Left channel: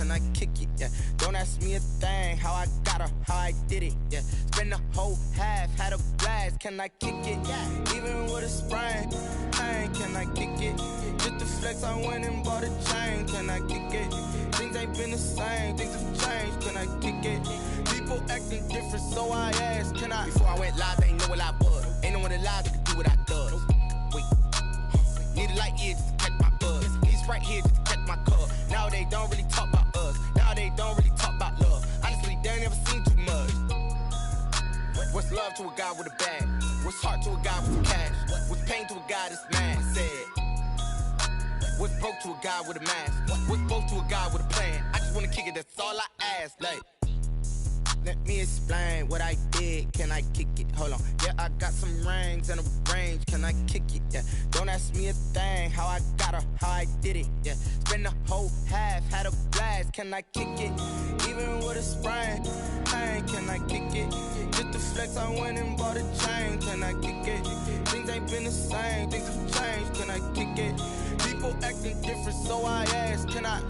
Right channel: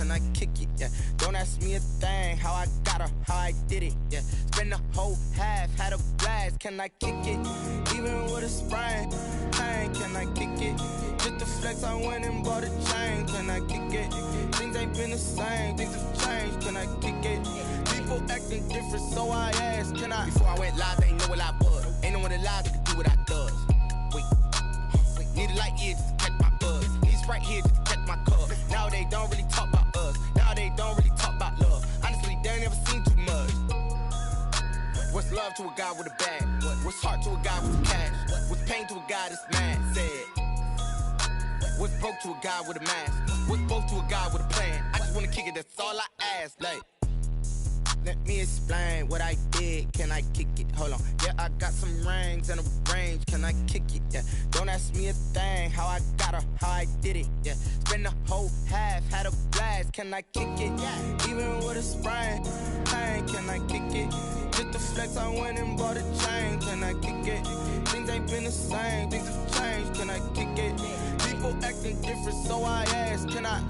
can I kick it? Yeah, don't ask me a thing, how I got her, how I did it. Yeah, spend the whole half, had a blast, can I kick it? Even with a sprain, pain, can I kick it? Just the flex, I went and bought a chain, can I kick it? Things ain't been the same, things have changed, can I kick it? People acting different, so I asked, can I? Before I went live, they ain't know what I was. Ain't no one alive that could do what I does. Wait, need a light here just to catch my buzz. Need right here just to catch my cup. Now they don't really talk about us. Now they don't really talk about love. Honestly, they ain't never seen too much. What's love to a guy with a bag? What's heart to a guy with cash? What's pain to a guy that's mad? Said. What's broke to a guy with a mask? What's both to a guy with a plan? I just wanna kick it, that's all I ask. Like, let me explain what I did. Can I kick it? Hold on. Yeah, I got some rings and a range. Can I kick it? Yeah. Don't ask me a thing. How I got her, how I did it. Yeah. Spend the whole half, had a blast. Can I kick it? Even with a sprain, pain. Can I kick it? Just the flex, I went and bought a chain. Can I kick it? Things ain't been the same. Things have changed. Can I kick it? People acting different, so I ask. Can I?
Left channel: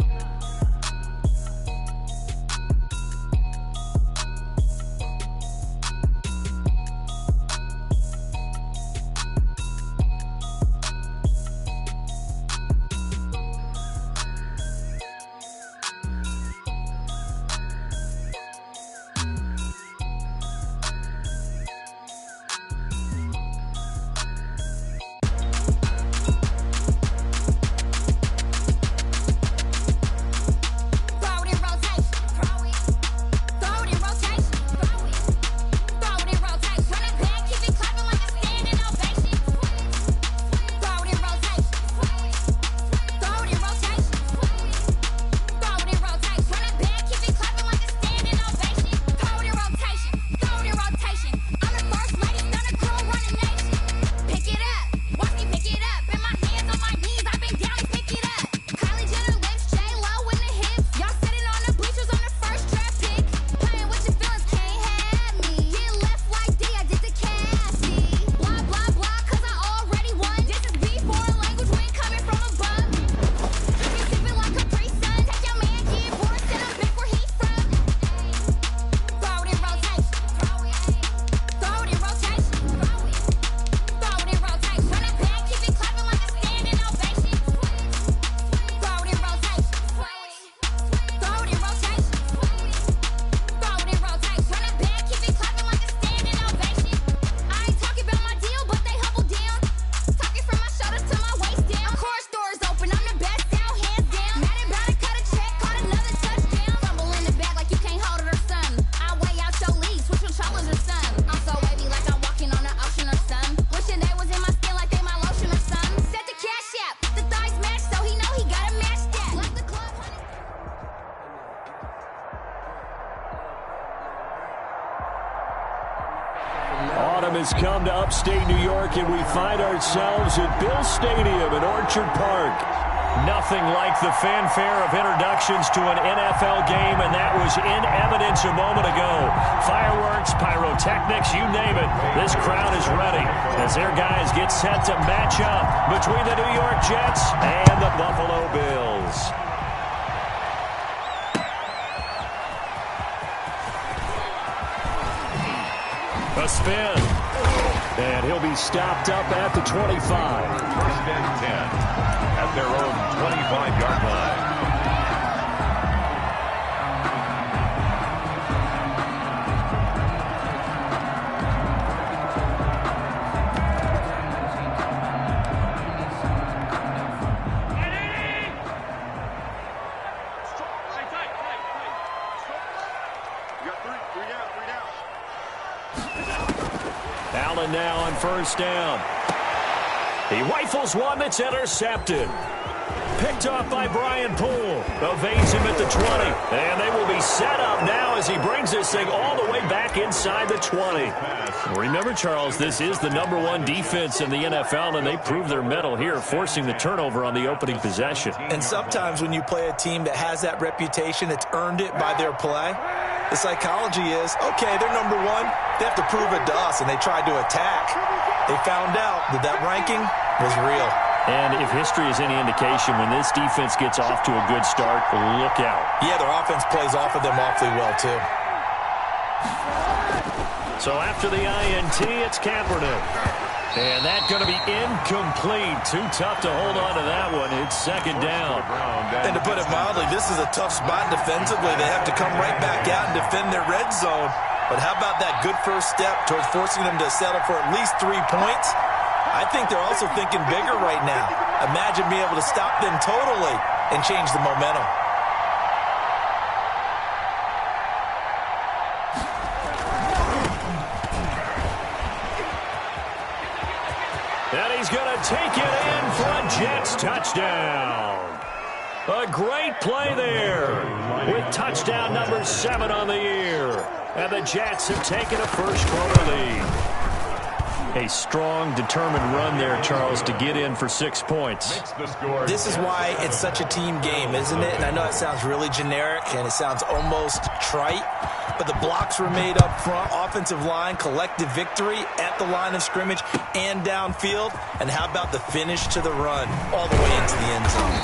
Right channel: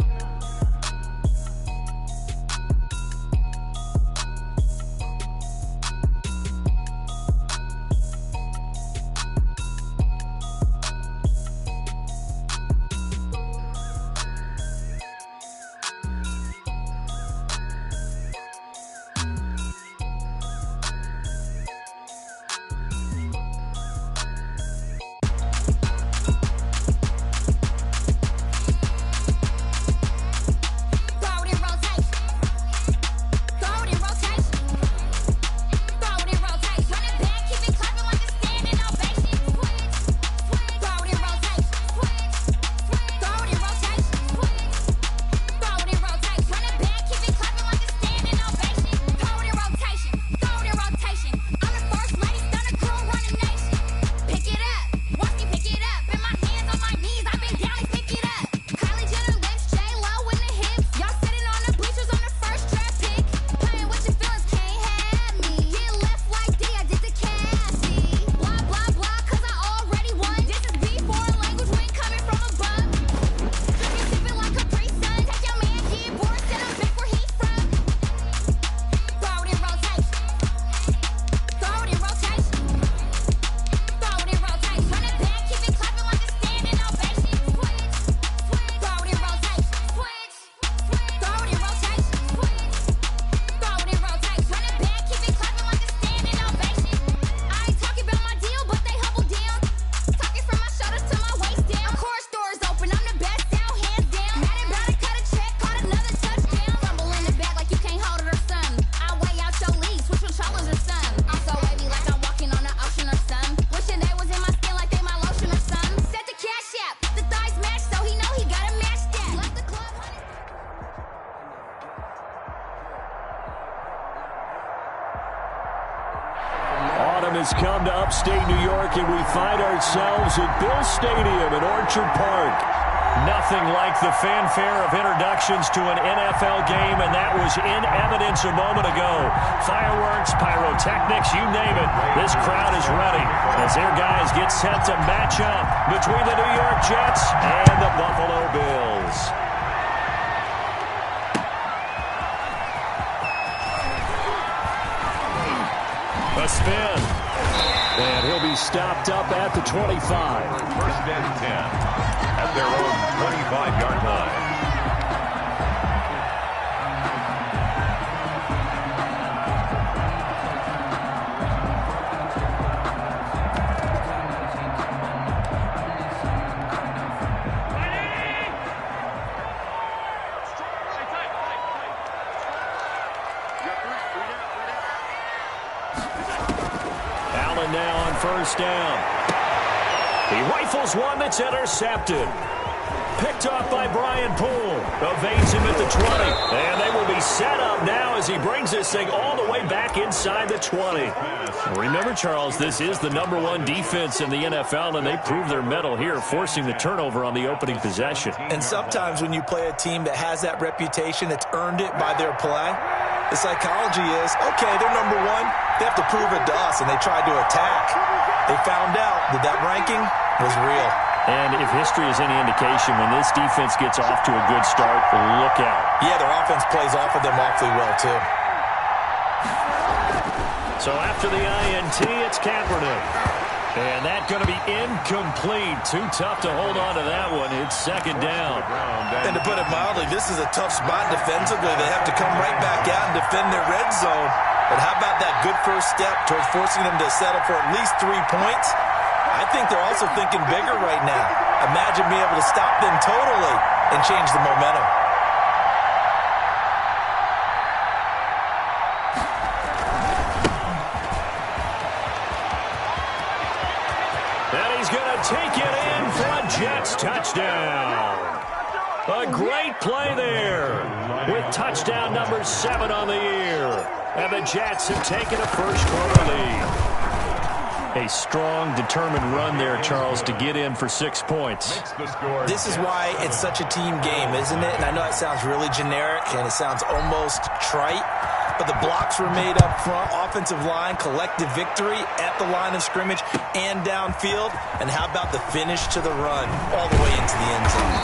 Autumn has come to upstate New York, and we find ourselves at Bill Stadium in Orchard Park. Nothing like the fanfare of introductions to an NFL game, and that was in evidence a moment ago. Fireworks, pyrotechnics, you name it. This crowd is ready as their guys get set to match up between the New York Jets and the Buffalo Bills. A spin. And he'll be stopped up at the 25. First and 10 at their own 25-yard line. Allen now on first down. He rifles one that's intercepted. Picked off by Brian Poole. Evades him at the 20. And they will be set up now as he brings this thing all the way back inside the 20. Remember, Charles, this is the #1 defense in the NFL, and they prove their mettle here, forcing the turnover on the opening possession. And sometimes when you play a team that has that reputation, it's earned it by their play. The psychology is, okay, they're #1. They have to prove it to us, and they tried to attack. They found out that that ranking was real. And if history is any indication, when this defense gets off to a good start, look out. Yeah, their offense plays off of them awfully well, too. So after the INT, it's Kaepernick. And that's going to be incomplete. Too tough to hold on to that one. It's second down. And to put it mildly, this is a tough spot defensively. They have to come right back out and defend their red zone. But how about that good first step towards forcing them to settle for at least 3 points? I think they're also thinking bigger right now. Imagine being able to stop them totally and change the momentum. And he's going to take it in for a Jets touchdown. A great play there with touchdown number 7 on the year. And the Jets have taken a first-quarter lead. A strong, determined run there, Charles, to get in for 6 points. This is why it's such a team game, isn't it? And I know it sounds really generic and it sounds almost trite, but the blocks were made up front, offensive line, collective victory at the line of scrimmage and downfield. And how about the finish to the run all the way into the end zone?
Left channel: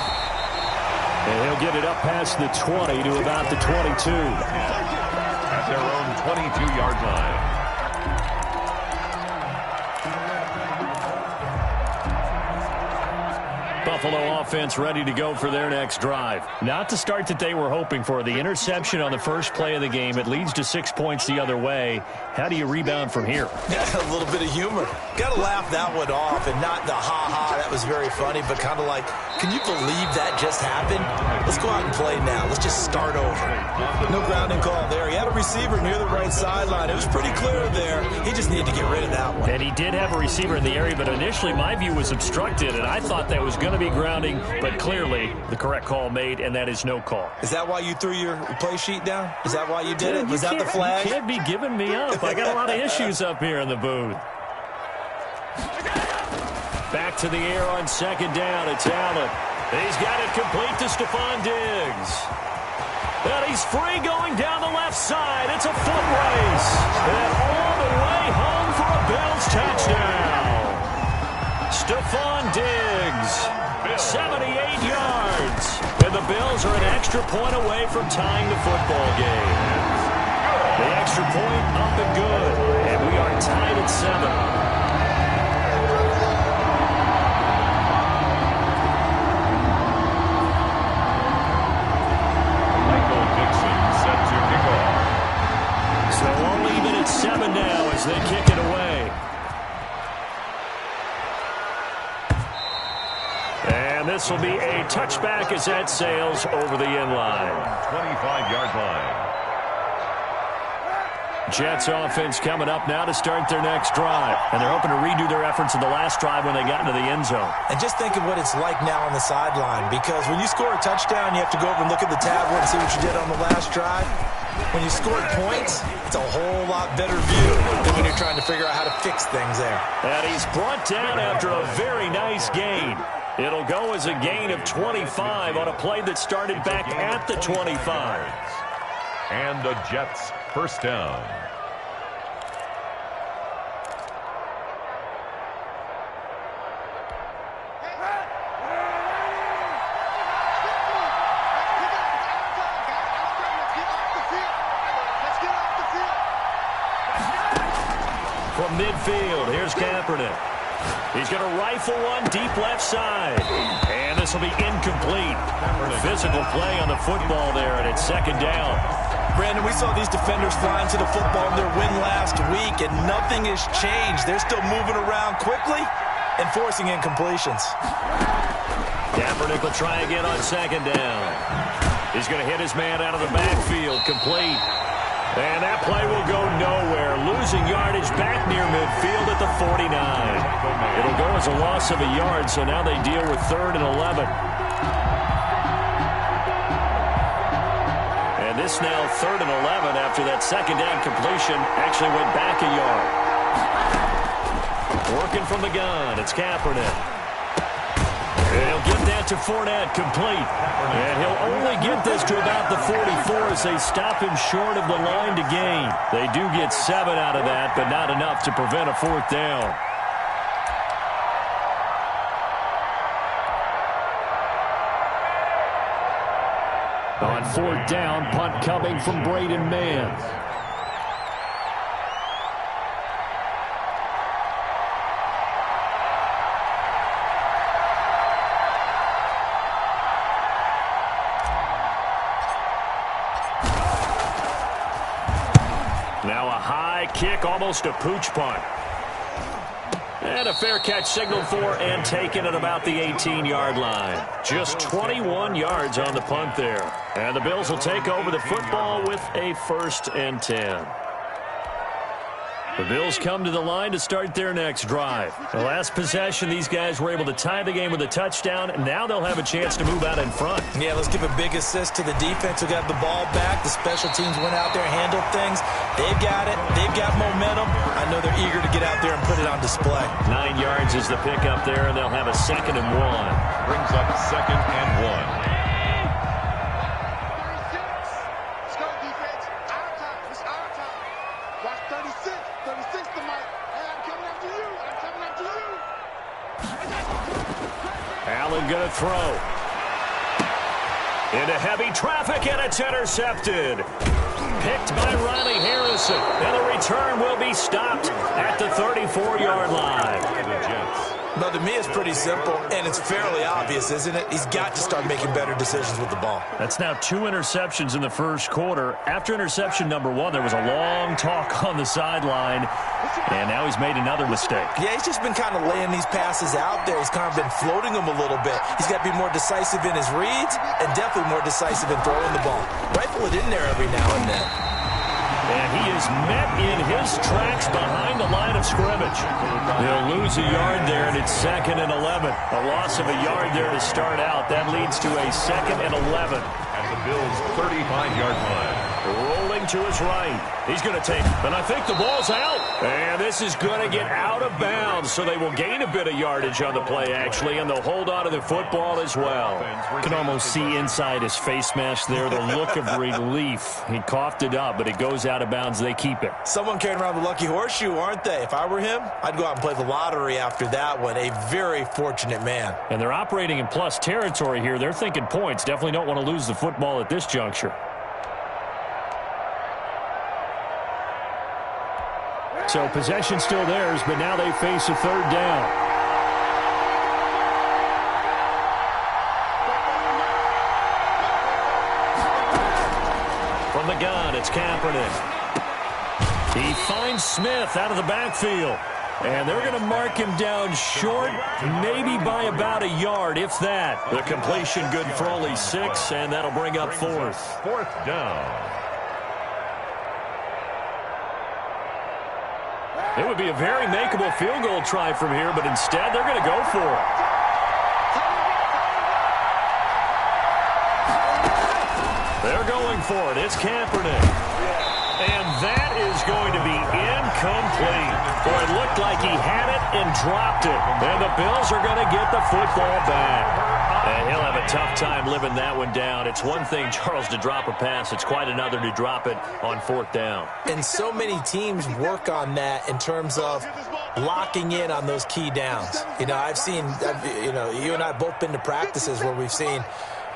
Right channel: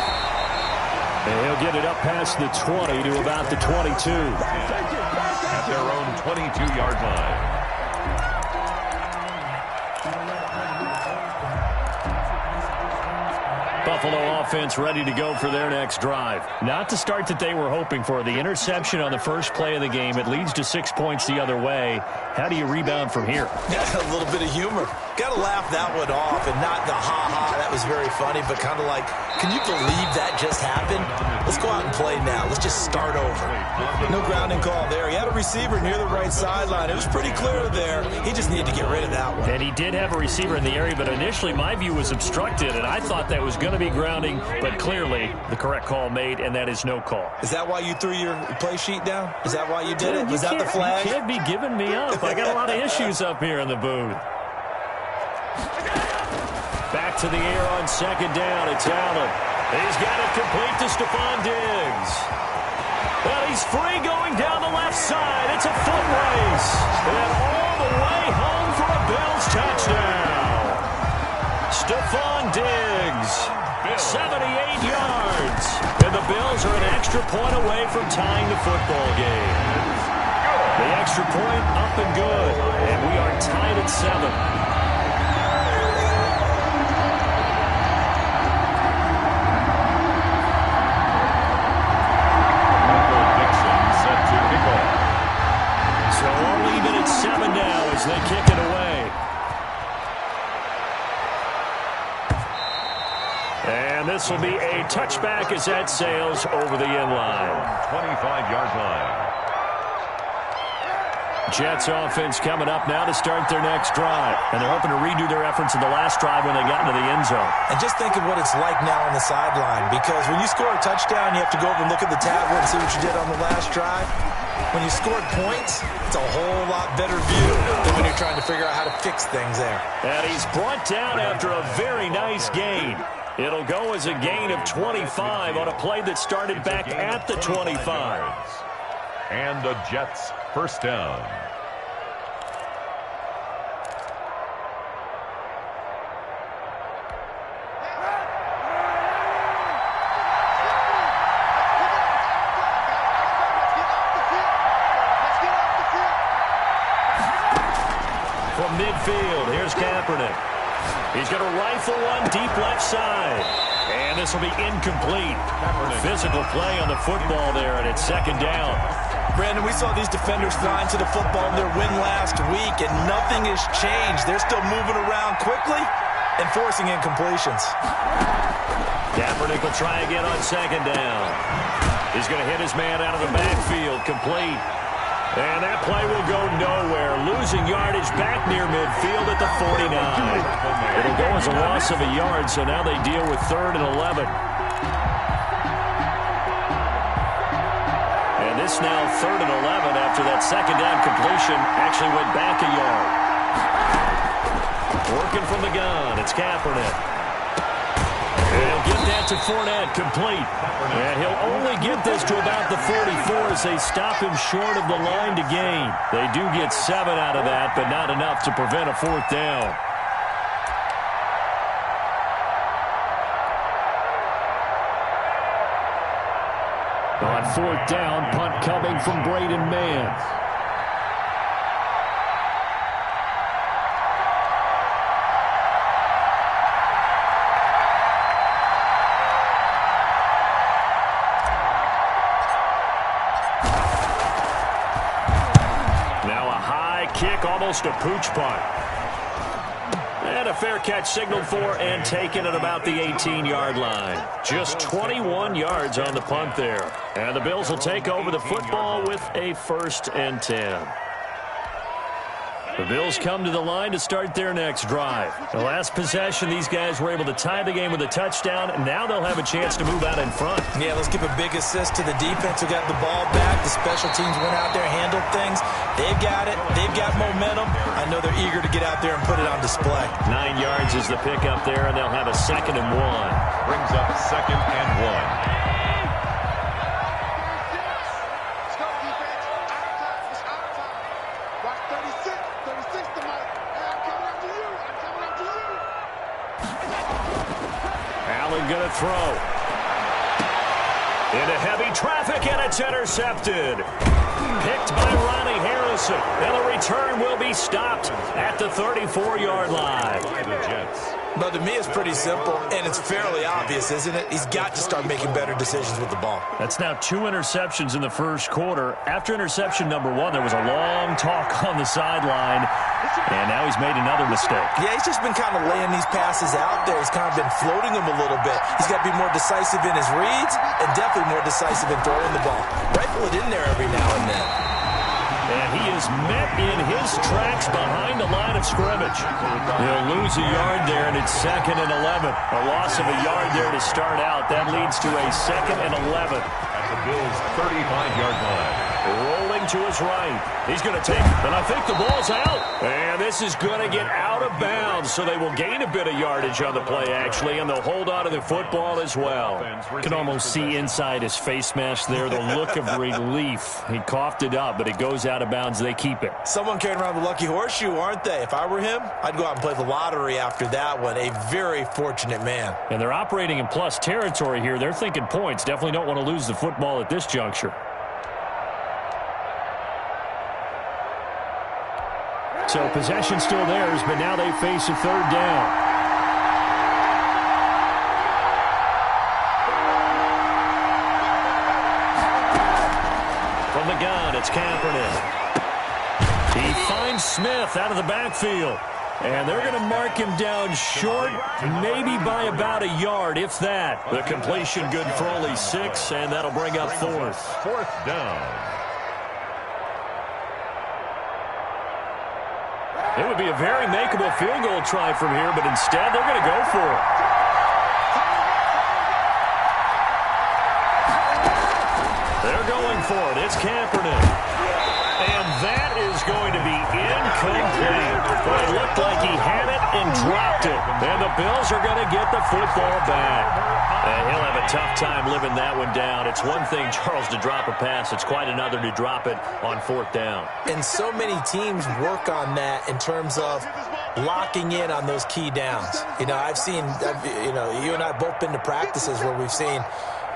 And he'll get it up past the 20 to about the 22. At their own 22-yard line. Buffalo offense ready to go for their next drive. Not the start that they were hoping for. The interception on the first play of the game. It leads to 6 points the other way. How do you rebound from here? Yeah, a little bit of humor. Got to laugh that one off, and not the ha-ha, that was very funny, but kind of like, can you believe that just happened? Let's go out and play now. Let's just start over. No grounding call there. He had a receiver near the right sideline. It was pretty clear there. He just needed to get rid of that one. And he did have a receiver in the area, but initially my view was obstructed, and I thought that was going to be grounding, but clearly the correct call made, and that is no call. Is that why you threw your play sheet down? Is that why you did it? Was that the flag? You can't be giving me up. I got a lot of issues up here in the booth. Back to the air on second down. It's Allen. He's got it complete to Stephon Diggs. And he's free going down the left side. It's a foot race. And all the way home for a Bills touchdown. Stephon Diggs, 78 yards. And the Bills are an extra point away from tying the football game. The extra point up and good. And we are tied at 7. So we'll leave it at 7 now as they kick it away. And this will be a touchback as that sails over the end line. 25-yard line. Jets offense coming up now to start their next drive. And they're hoping to redo their efforts in the last drive when they got into the end zone. And just think of what it's like now on the sideline, because when you score a touchdown, you have to go over and look at the tablet and see what you did on the last drive. When you scored points, it's a whole lot better view than when you're trying to figure out how to fix things there. And he's brought down after a very nice gain. It'll go as a gain of 25 on a play that started back at the 25. And the Jets first down. From midfield, here's Kaepernick. He's going to rifle one deep left side. And this will be incomplete. Physical play on the football there, and it's second down. Brandon, we saw these defenders flying to the football in their win last week, and nothing has changed. They're still moving around quickly and forcing incompletions. Kaepernick will try again on second down. He's going to hit his man out of the backfield, complete. And that play will go nowhere. Losing yardage back near midfield at the 49. It'll go as a loss of a yard, so now they deal with 3rd and 11. And this now 3rd and 11 after that second down completion actually went back a yard. Working from the gun, it's Kaepernick. And he'll get that to Fournette, complete. And he'll only get this to about the 44 as they stop him short of the line to gain. They do get 7 out of that, but not enough to prevent a 4th down. On 4th down, punt coming from Braden Mann. Now a high kick, almost a pooch punt. And a fair catch signaled for and taken at about the 18-yard line. Just 21 yards on the punt there. And the Bills will take over the football with a 1st and 10. The Bills come to the line to start their next drive. The last possession, these guys were able to tie the game with a touchdown, and now they'll have a chance to move out in front. Yeah, let's give a big assist to the defense who got the ball back. The special teams went out there, handled things. They've got it. They've got momentum. I know they're eager to get out there and put it on display. 9 yards is the pickup there, and they'll have a 2nd and 1. Brings up 2nd and 1. Allen going to throw. Into heavy traffic, and it's intercepted. Picked by Riley Harrison. And the return will be stopped at the 34-yard line. By the Jets. But to me, it's pretty simple, and it's fairly obvious, isn't it? He's got to start making better decisions with the ball. That's now 2 interceptions in the first quarter. After interception number 1, there was a long talk on the sideline, and now he's made another mistake. Yeah, he's just been kind of laying these passes out there. He's kind of been floating them a little bit. He's got to be more decisive in his reads and definitely more decisive in throwing the ball. Rifle it in there every now and then. And he is met in his tracks behind the line of scrimmage. He'll lose a yard there, and it's 2nd and 11. A loss of a yard there to start out. That leads to a 2nd and 11. At the Bills' 35-yard line. Rolling to his right. He's going to take, and I think the ball's out. And this is going to get out of bounds, so they will gain a bit of yardage on the play, actually, and they'll hold on to the football as well. You can almost see inside his face mask there the look of relief. He coughed it up, but it goes out of bounds. They keep it. Someone carrying around the lucky horseshoe, aren't they? If I were him, I'd go out and play the lottery after that one. A very fortunate man. And they're operating in plus territory here. They're thinking points. Definitely don't want to lose the football at this juncture. So possession still theirs, but now they face a 3rd down. From the gun, it's Kaepernick. He finds Smith out of the backfield. And they're going to mark him down short, maybe by about a yard, if that. The completion good for only 6, and that'll bring up 4th. 4th down. It would be a very makeable field goal try from here, but instead they're going to go for it. They're going for it. It's Kaepernick. And that is going to be incomplete. Well, it looked like he had it and dropped it. And the Bills are going to get the football back. And he'll have a tough time living that one down. It's one thing, Charles, to drop a pass. It's quite another to drop it on 4th down. And so many teams work on that in terms of locking in on those key downs. You know, I've seen, you and I have both been to practices where we've seen,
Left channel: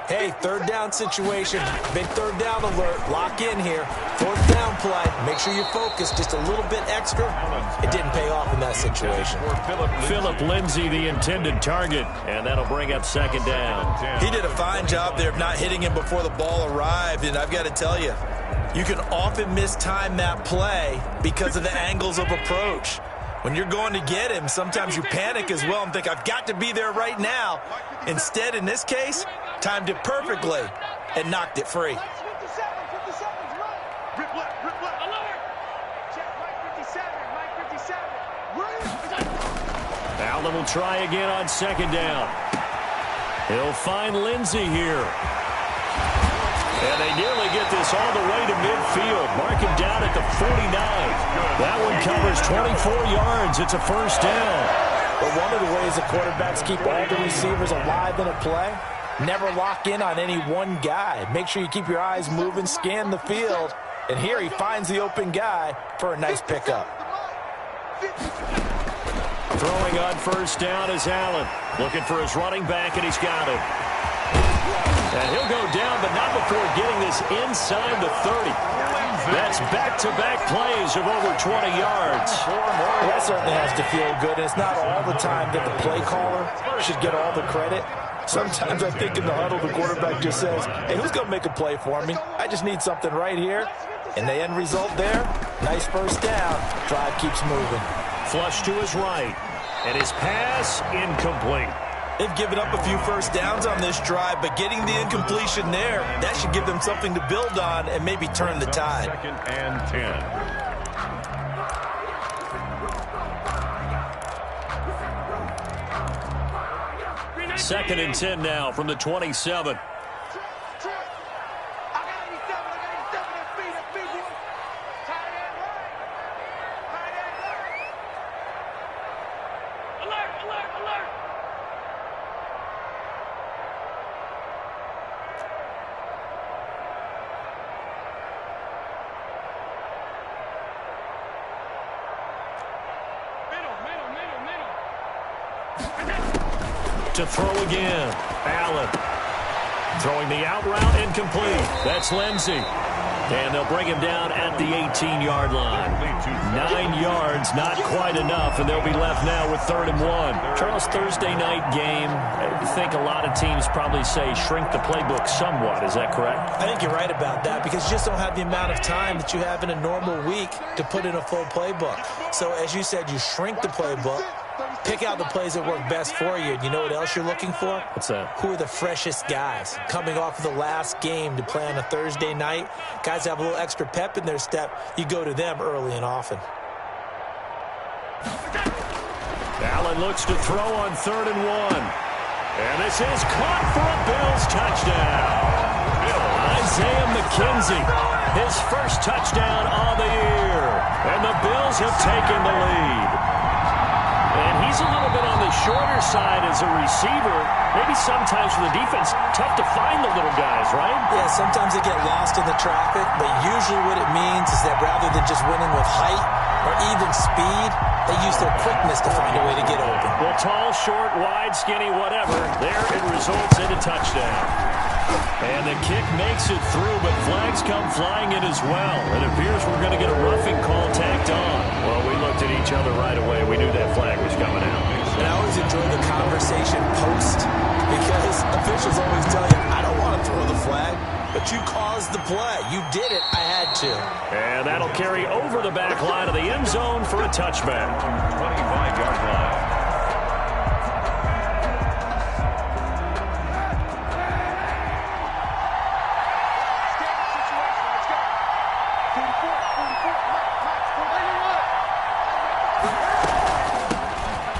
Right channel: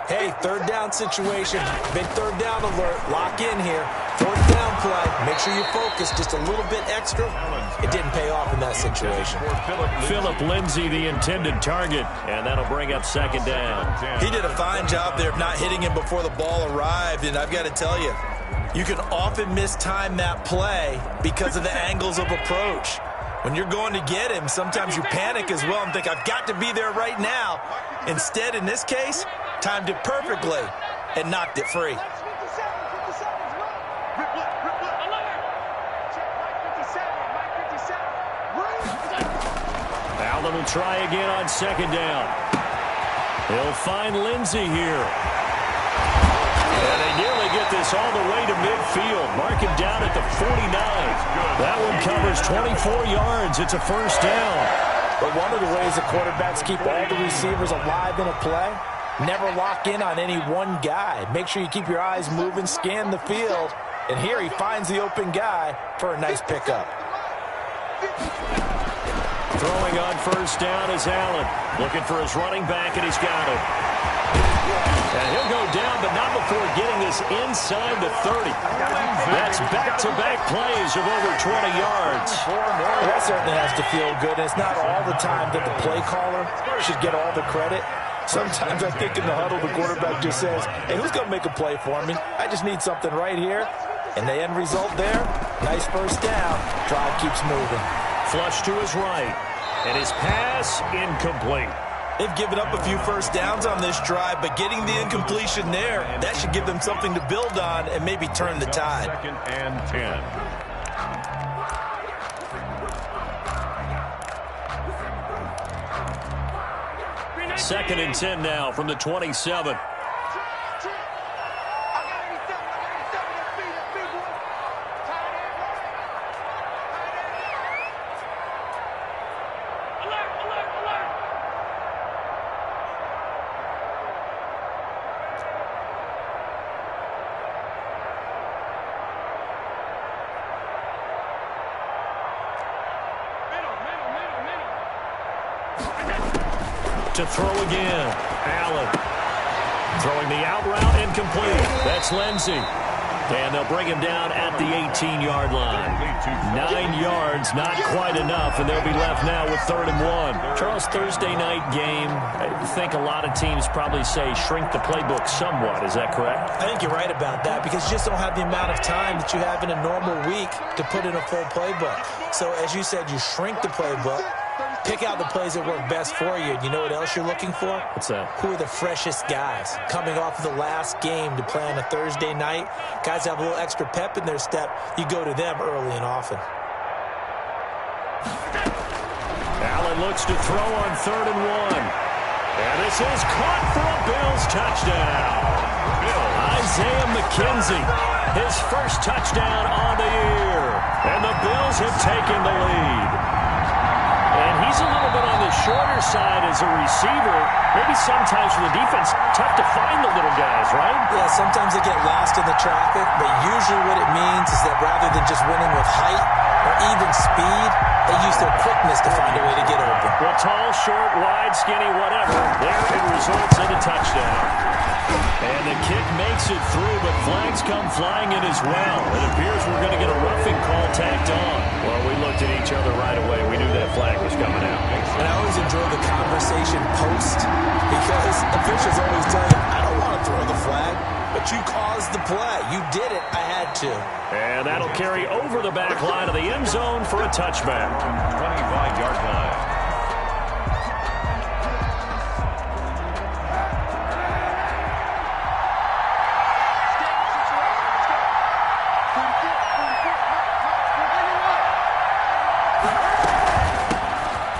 hey, 3rd down situation, big 3rd down alert, lock in here, 4th down play, make sure you focus just a little bit extra. It didn't pay off in that situation. Phillip Lindsay, the intended target, and that'll bring up 2nd down. He did a fine job there of not hitting him before the ball arrived, and I've got to tell you, you can often mistime that play because of the angles of approach. When you're going to get him, sometimes you panic as well and think, I've got to be there right now. Instead, in this case, timed it perfectly and knocked it free. Allen will try again on 2nd down. He'll find Lindsay here. And they nearly get this all the way to midfield. Mark him down at the 49. That one covers 24 yards. It's a 1st down. But one of the ways the quarterbacks keep all the receivers alive in a play, never lock in on any one guy. Make sure you keep your eyes moving, scan the field. And here he finds the open guy for a nice pickup. Throwing on 1st down is Allen. Looking for his running back, and he's got it. And he'll go down, but not before getting this inside the 30. That's back-to-back plays of over 20 yards. That certainly has to feel good. And it's not all the time that the play caller should get all the credit. Sometimes I think in the huddle, the quarterback just says, hey, who's going to make a play for me? I just need something right here. And the end result there, nice first down. Drive keeps moving. Flush to his right. And his pass incomplete. They've given up a few first downs on this drive, but getting the incompletion there, that should give them something to build on and maybe turn the tide. 2nd and 10. Second and 10 now from the 27. To throw again. Allen throwing the out route incomplete. That's Lindsey. And they'll bring him down at the 18-yard line. 9 yards, not quite enough, and they'll be left now with 3rd and 1. Charles, Thursday night game, I think a lot of teams probably say shrink the playbook somewhat. Is that correct? I think you're right about that because you just don't have the amount of time that you have in a normal week to put in a full playbook. So, as you said, you shrink the playbook. Pick out the plays that work best for you. You know what else you're looking for? What's that? Who are the freshest guys? Coming off of the last game to play on a Thursday night, guys have a little extra pep in their step. You go to them early and often. Allen looks to throw on 3rd and 1. And this is caught for a Bills touchdown. Isaiah McKenzie, his first touchdown on the year. And the Bills have taken the lead. And he's a little bit on the shorter side as a receiver. Maybe sometimes for the defense, tough to find the little guys, right? Yeah, sometimes they get lost in the traffic, but usually what it means is that rather than just winning with height or even speed, they use their quickness to find a way to get open. Well, tall, short, wide, skinny, whatever, there it results in a touchdown. And the kick makes it through, but flags come flying in as well. It appears we're going to get a roughing call tacked on. Well, we looked at each other right away. We knew that flag was coming out. And I always enjoy the conversation post because officials always tell you, I don't want to throw the flag, but you caused the play. You did it. I had to. And that'll carry over the back line of the end zone for a touchback. 25-yard line.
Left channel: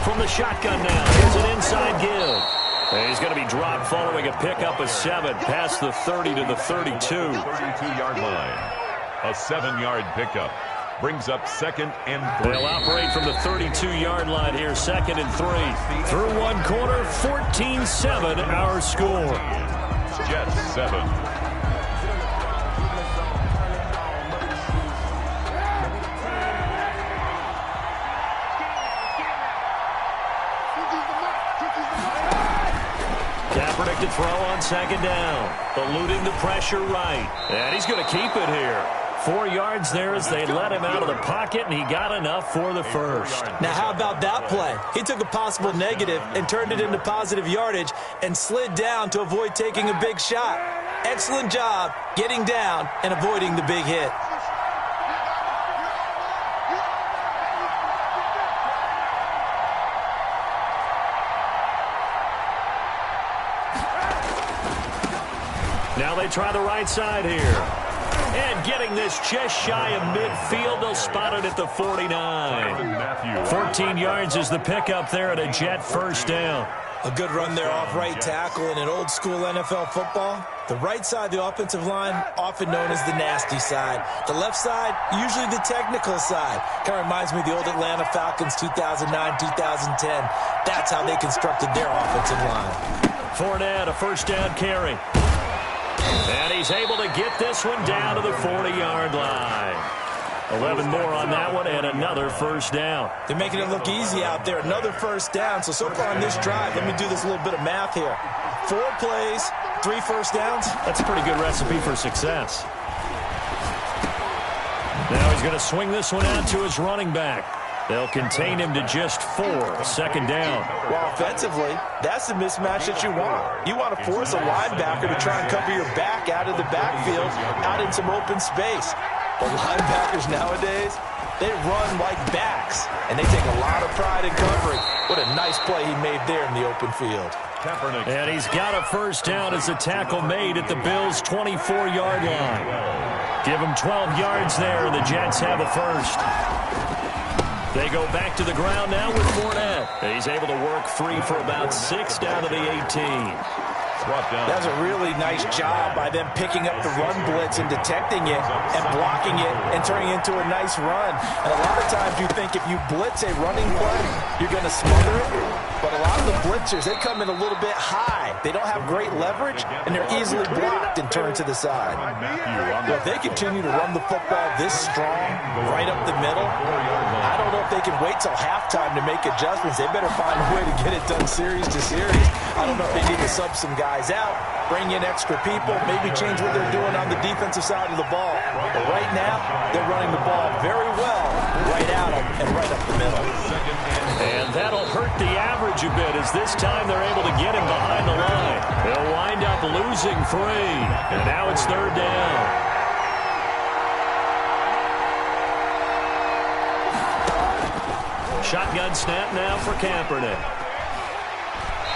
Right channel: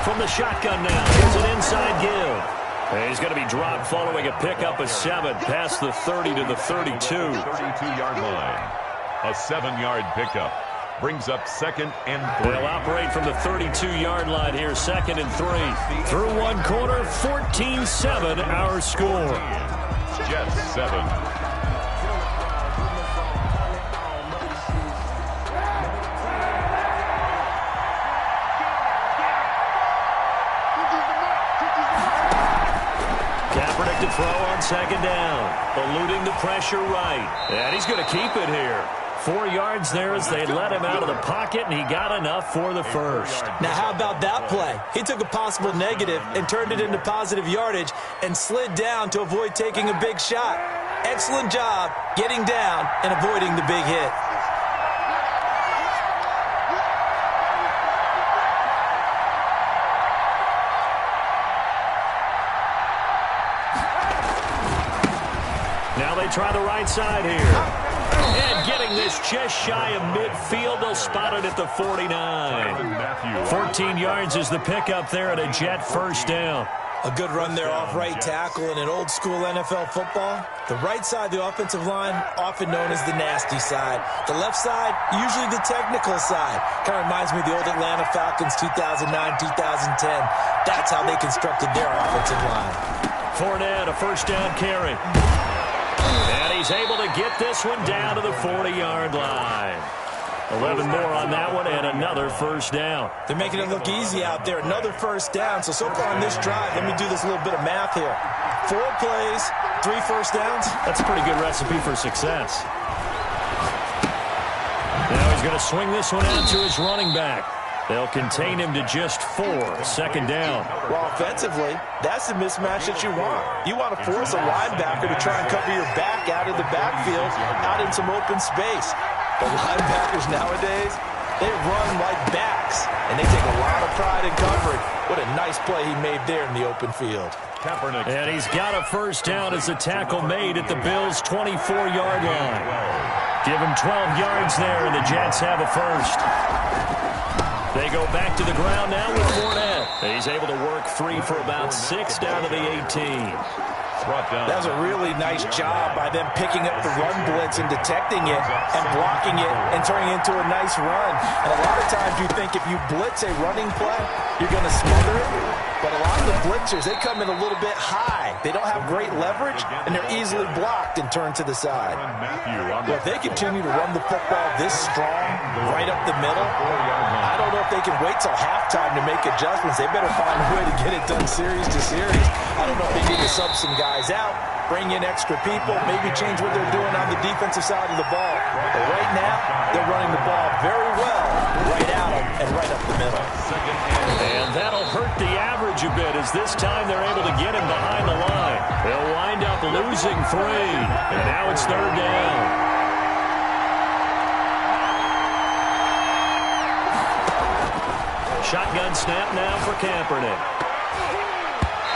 From the shotgun now, here's an inside give. And he's going to be dropped following a pickup of 7 past the 30 to the 32. 32-yard line. A 7-yard pickup. Brings up 2nd and 3. They'll operate from the 32-yard line here, 2nd and 3. Through one quarter, 14-7 our score. Jets 7. Kaepernick to throw on 2nd down. Eluding the pressure right. And he's going to keep it here. 4 yards there as they let him out of the pocket, and he got enough for the first. Now, how about that play? He took a possible negative and turned it into positive yardage and slid down to avoid taking a big shot. Excellent job getting down and avoiding the big hit. Now they try the right side here. And getting this just shy of midfield, they'll spot it at the 49. 14 yards is the pickup there at a Jet first down. A good run there off right tackle in an old-school NFL football. The right side of the offensive line, often known as the nasty side. The left side, usually the technical side. Kind of reminds me of the old Atlanta Falcons 2009-2010. That's how they constructed their offensive line. Fournette, a first down carry. And he's able to get this one down to the 40-yard line. 11 more on that one and another first down. They're making it look easy out there. Another first down. So far on this drive, let me do this little bit of math here. 4 plays, 3 first downs. That's a pretty good recipe for success. Now he's going to swing this one out to his running back. They'll contain him to just 4, second down. Well, offensively, that's the mismatch that you want. You want to force a linebacker to try and cover your back out of the backfield, out in some open space. But linebackers nowadays, they run like backs, and they take a lot of pride in covering. What a nice play he made there in the open field. And he's got a first down as a tackle made at the Bills' 24-yard line. Give him 12 yards there, and the Jets have a first. They go back to the ground now with Fournette. He's able to work free for about 6 down to the 18. That was a really nice job by them picking up the run blitz and detecting it and blocking it and turning it into a nice run. And a lot of times you think if you blitz a running play, you're going to smother it. But a lot of the blitzers, they come in a little bit high. They don't have great leverage, and they're easily blocked and turned to the side. But if they continue to run the football this strong, right up the middle, I don't know if they can wait till halftime to make adjustments. They better find a way to get it done series to series. I don't know if they need to sub some guys out, bring in extra people, maybe change what they're doing on the defensive side of the ball. But right now, they're running the ball very well, right at them and right up the middle. And that'll hurt the average a bit, as this time they're able to get him behind the line. They'll wind up losing 3, and now it's 3rd down. Shotgun snap now for Kaepernick.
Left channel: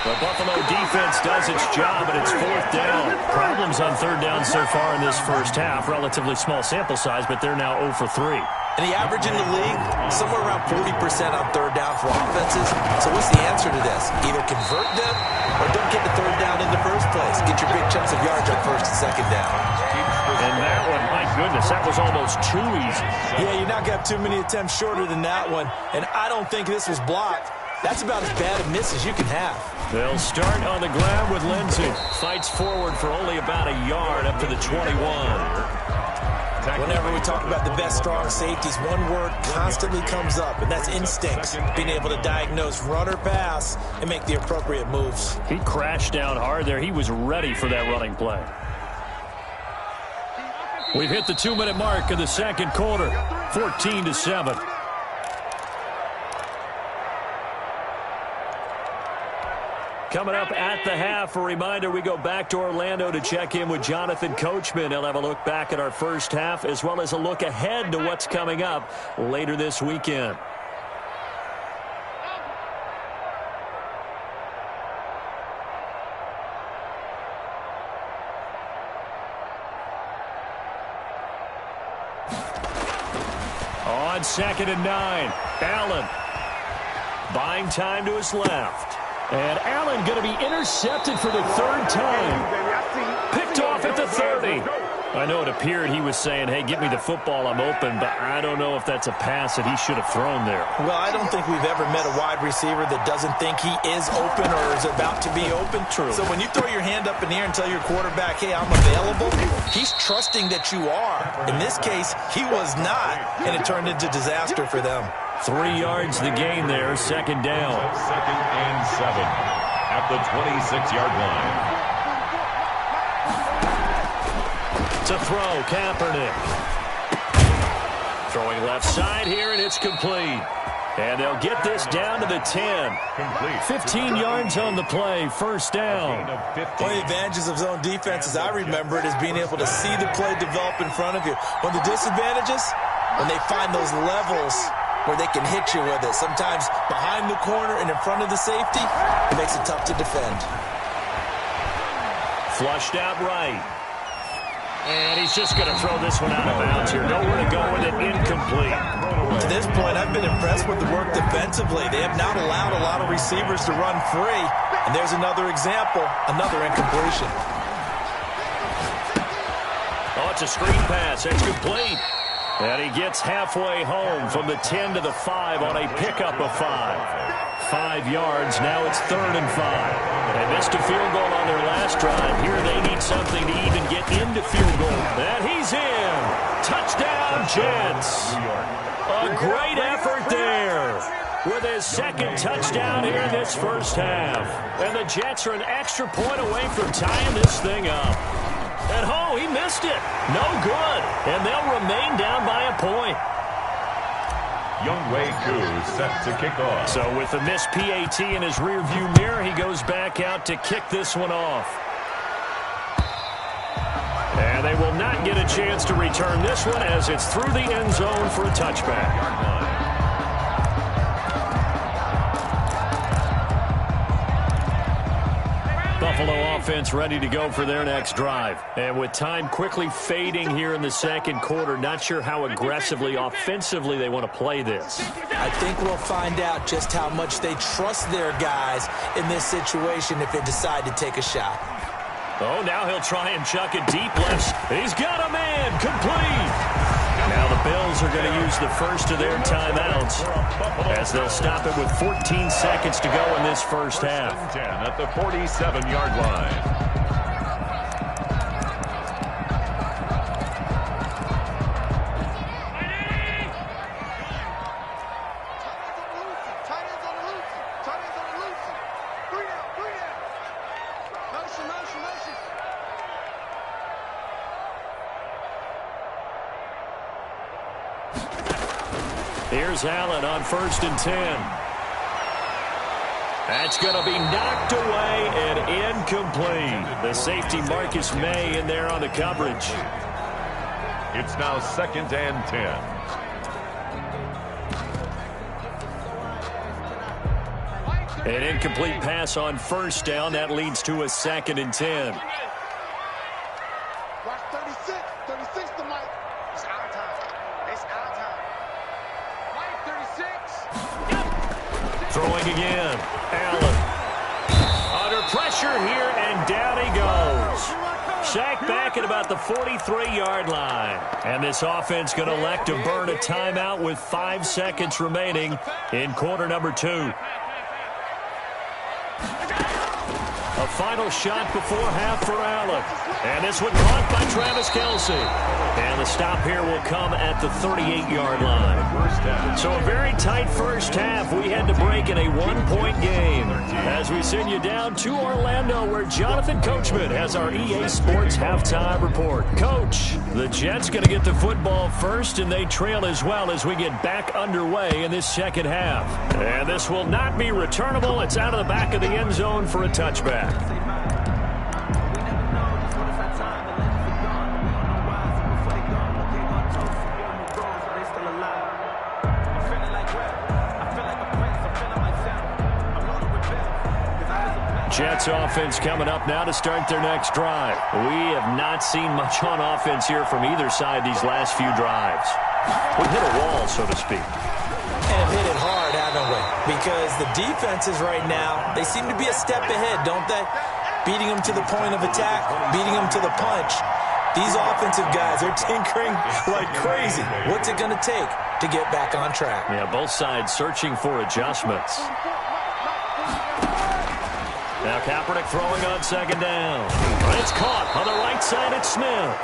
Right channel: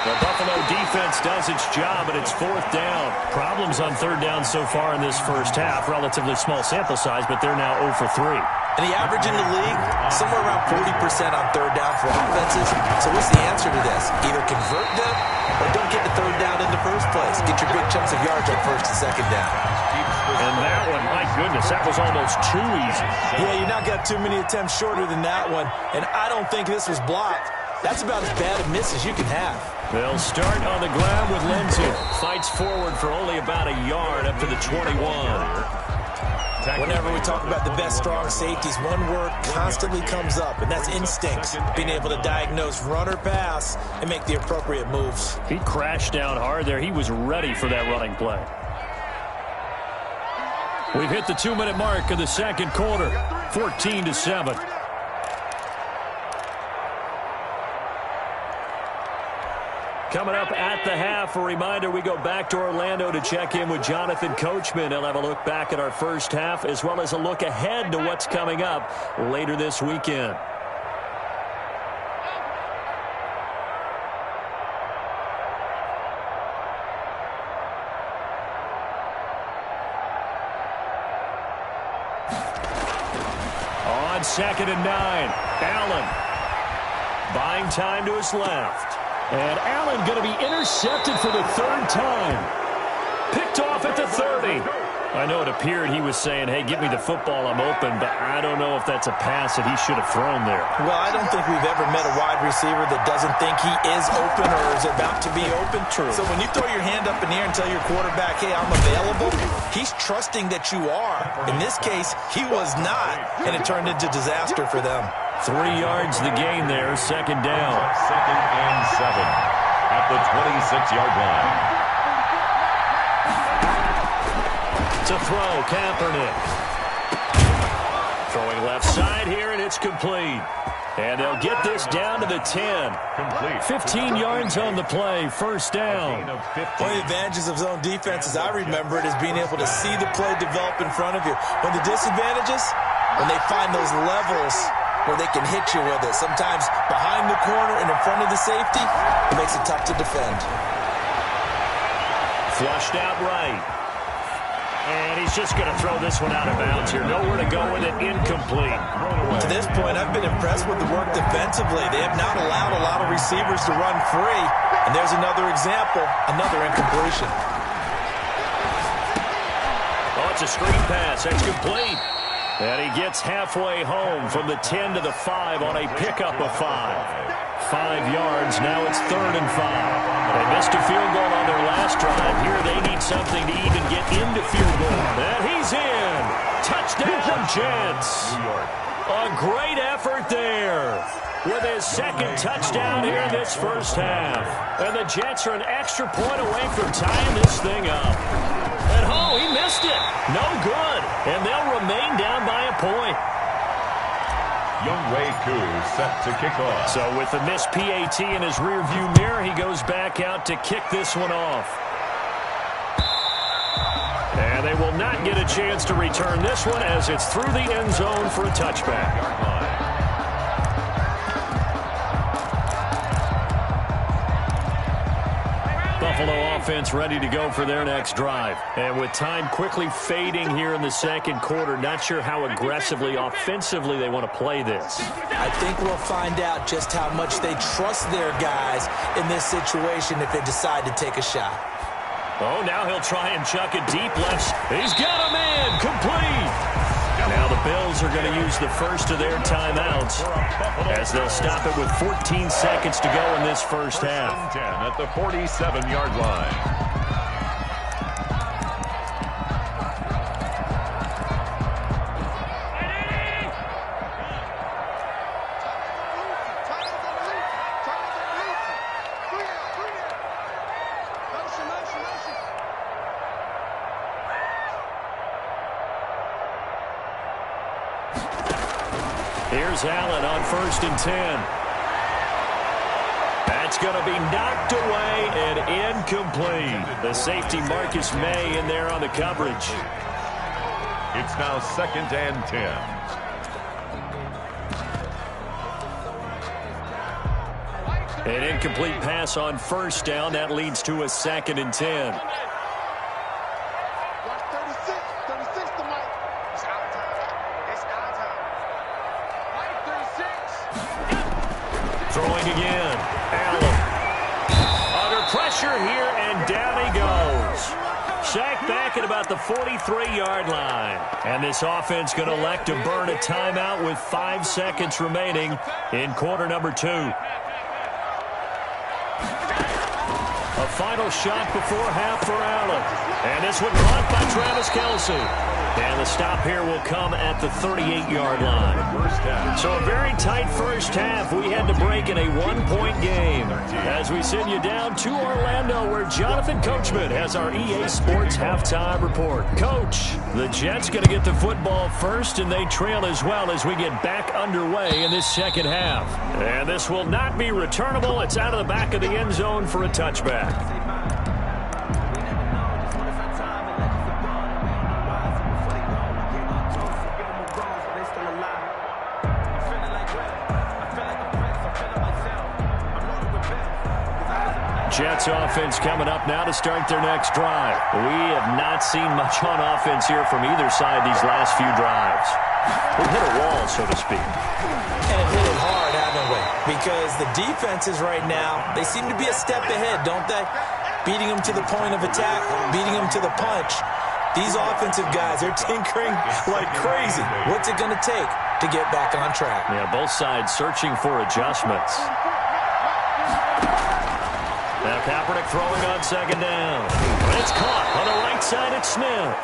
The Buffalo defense does its job, and it's 4th down. Problems on 3rd down so far in this first half. Relatively small sample size, but they're now 0 for 3. And the average in the league, somewhere around 40% on 3rd down for offenses. So what's the answer to this? Either convert them or don't get the 3rd down in the first place. Get your big chunks of yards on 1st and 2nd down. And that one, my goodness, that was almost too easy. Yeah, you're not got too many attempts shorter than that one. And I don't think this was blocked. That's about as bad a miss as you can have. They'll start on the ground with Lindsey. Fights forward for only about a yard up to the 21. Whenever we talk about the best strong safeties, one word constantly comes up, and that's instincts. Being able to diagnose run or pass and make the appropriate moves. He crashed down hard there. He was ready for that running play. We've hit the 2-minute mark of the second quarter. 14-7. Coming up at the half, a reminder, we go back to Orlando to check in with Jonathan Coachman. He'll have a look back at our first half, as well as a look ahead to what's coming up later this weekend. On 2nd and 9, Allen buying time to his left. And Allen going to be intercepted for the 3rd time. Picked off at the 30. I know it appeared he was saying, hey, get me the football, I'm open, but I don't know if that's a pass that he should have thrown there. Well, I don't think we've ever met a wide receiver that doesn't think he is open or is about to be open. True. So when you throw your hand up in the air and tell your quarterback, hey, I'm available, he's trusting that you are. In this case, he was not, and it turned into disaster for them. 3 yards the gain there, 2nd down. 2nd and 7 at the 26-yard line. To throw, Kaepernick. Throwing left side here, and it's complete. And they'll get this down to the 10. Complete. 15 yards on the play, 1st down. One of the advantages of zone defense, as I remember it, is being able to see the play develop in front of you. One of the disadvantages, when they find those levels where they can hit you with it. Sometimes behind the corner and in front of the safety, it makes it tough to defend. Flushed out right. And he's just going to throw this one out of bounds here. Nowhere to go with it, incomplete. To this point, I've been impressed with the work defensively. They have not allowed a lot of receivers to run free. And there's another example, another incompletion. Oh, it's a screen pass. It's complete. And he gets halfway home from the 10 to the 5 on a pickup of 5. 5 yards. Now it's 3rd and 5. They missed a field goal on their last drive. Here they need something to even get into field goal. And he's in. Touchdown, Jets. A great effort there. with his second touchdown here in this first half. And the Jets are an extra point away from tying this thing up. And oh, he missed it. No good. And they'll remain down by a point. Younghoe Koo set to kick off. So with the missed PAT in his rearview mirror, he goes back out to kick this one off. And they will not get a chance to return this one as it's through the end zone for a touchback. Buffalo offense ready to go for their next drive. And with time quickly fading here in the second quarter, not sure how aggressively, offensively they want to play this. I think we'll find out just how much they trust their guys in this situation if they decide to take a shot. Oh, now he'll try and chuck it deep left. He's got a man. Complete. Now the Bills are going to use the first of their timeouts as they'll stop it with 14 seconds to go in this first half. 10 at the 47-yard line. Here's Allen on 1st and 10. That's going to be knocked away and incomplete. The safety Marcus May in there on the coverage. It's now 2nd and 10. An incomplete pass on 1st down. That leads to a 2nd and 10. Watch 36. 36 to Mike. It's our time. It's our time. Mike, 36. Throwing again. Allen. Under pressure here, and down he goes. Sacked back at about the 43-yard line. And this offense going to elect to burn a timeout with 5 seconds remaining in quarter number 2. A final shot before half for Allen. And this one caught by Travis Kelce. And the stop here will come at the 38-yard line. So a very tight first half. We had to break in a 1-point game. As we send you down to Orlando, where Jonathan Coachman has our EA Sports halftime report. Coach, the Jets going to get the football first, and they trail as well as we get back underway in this second half. And this will not be returnable. It's out of the back of the end zone for a touchback. Jets offense coming up now to start their next drive. We have not seen much on offense here from either side these last few drives. We've hit a wall, so to speak. And have hit it hard, haven't we? Because the defenses right now, they seem to be a step ahead, don't they? Beating them to the point of attack, beating them to the punch. These offensive guys are tinkering like crazy. What's it going to take to get back on track? Yeah, both sides searching for adjustments. Now Kaepernick throwing on 2nd down. It's caught on the right side at Smith.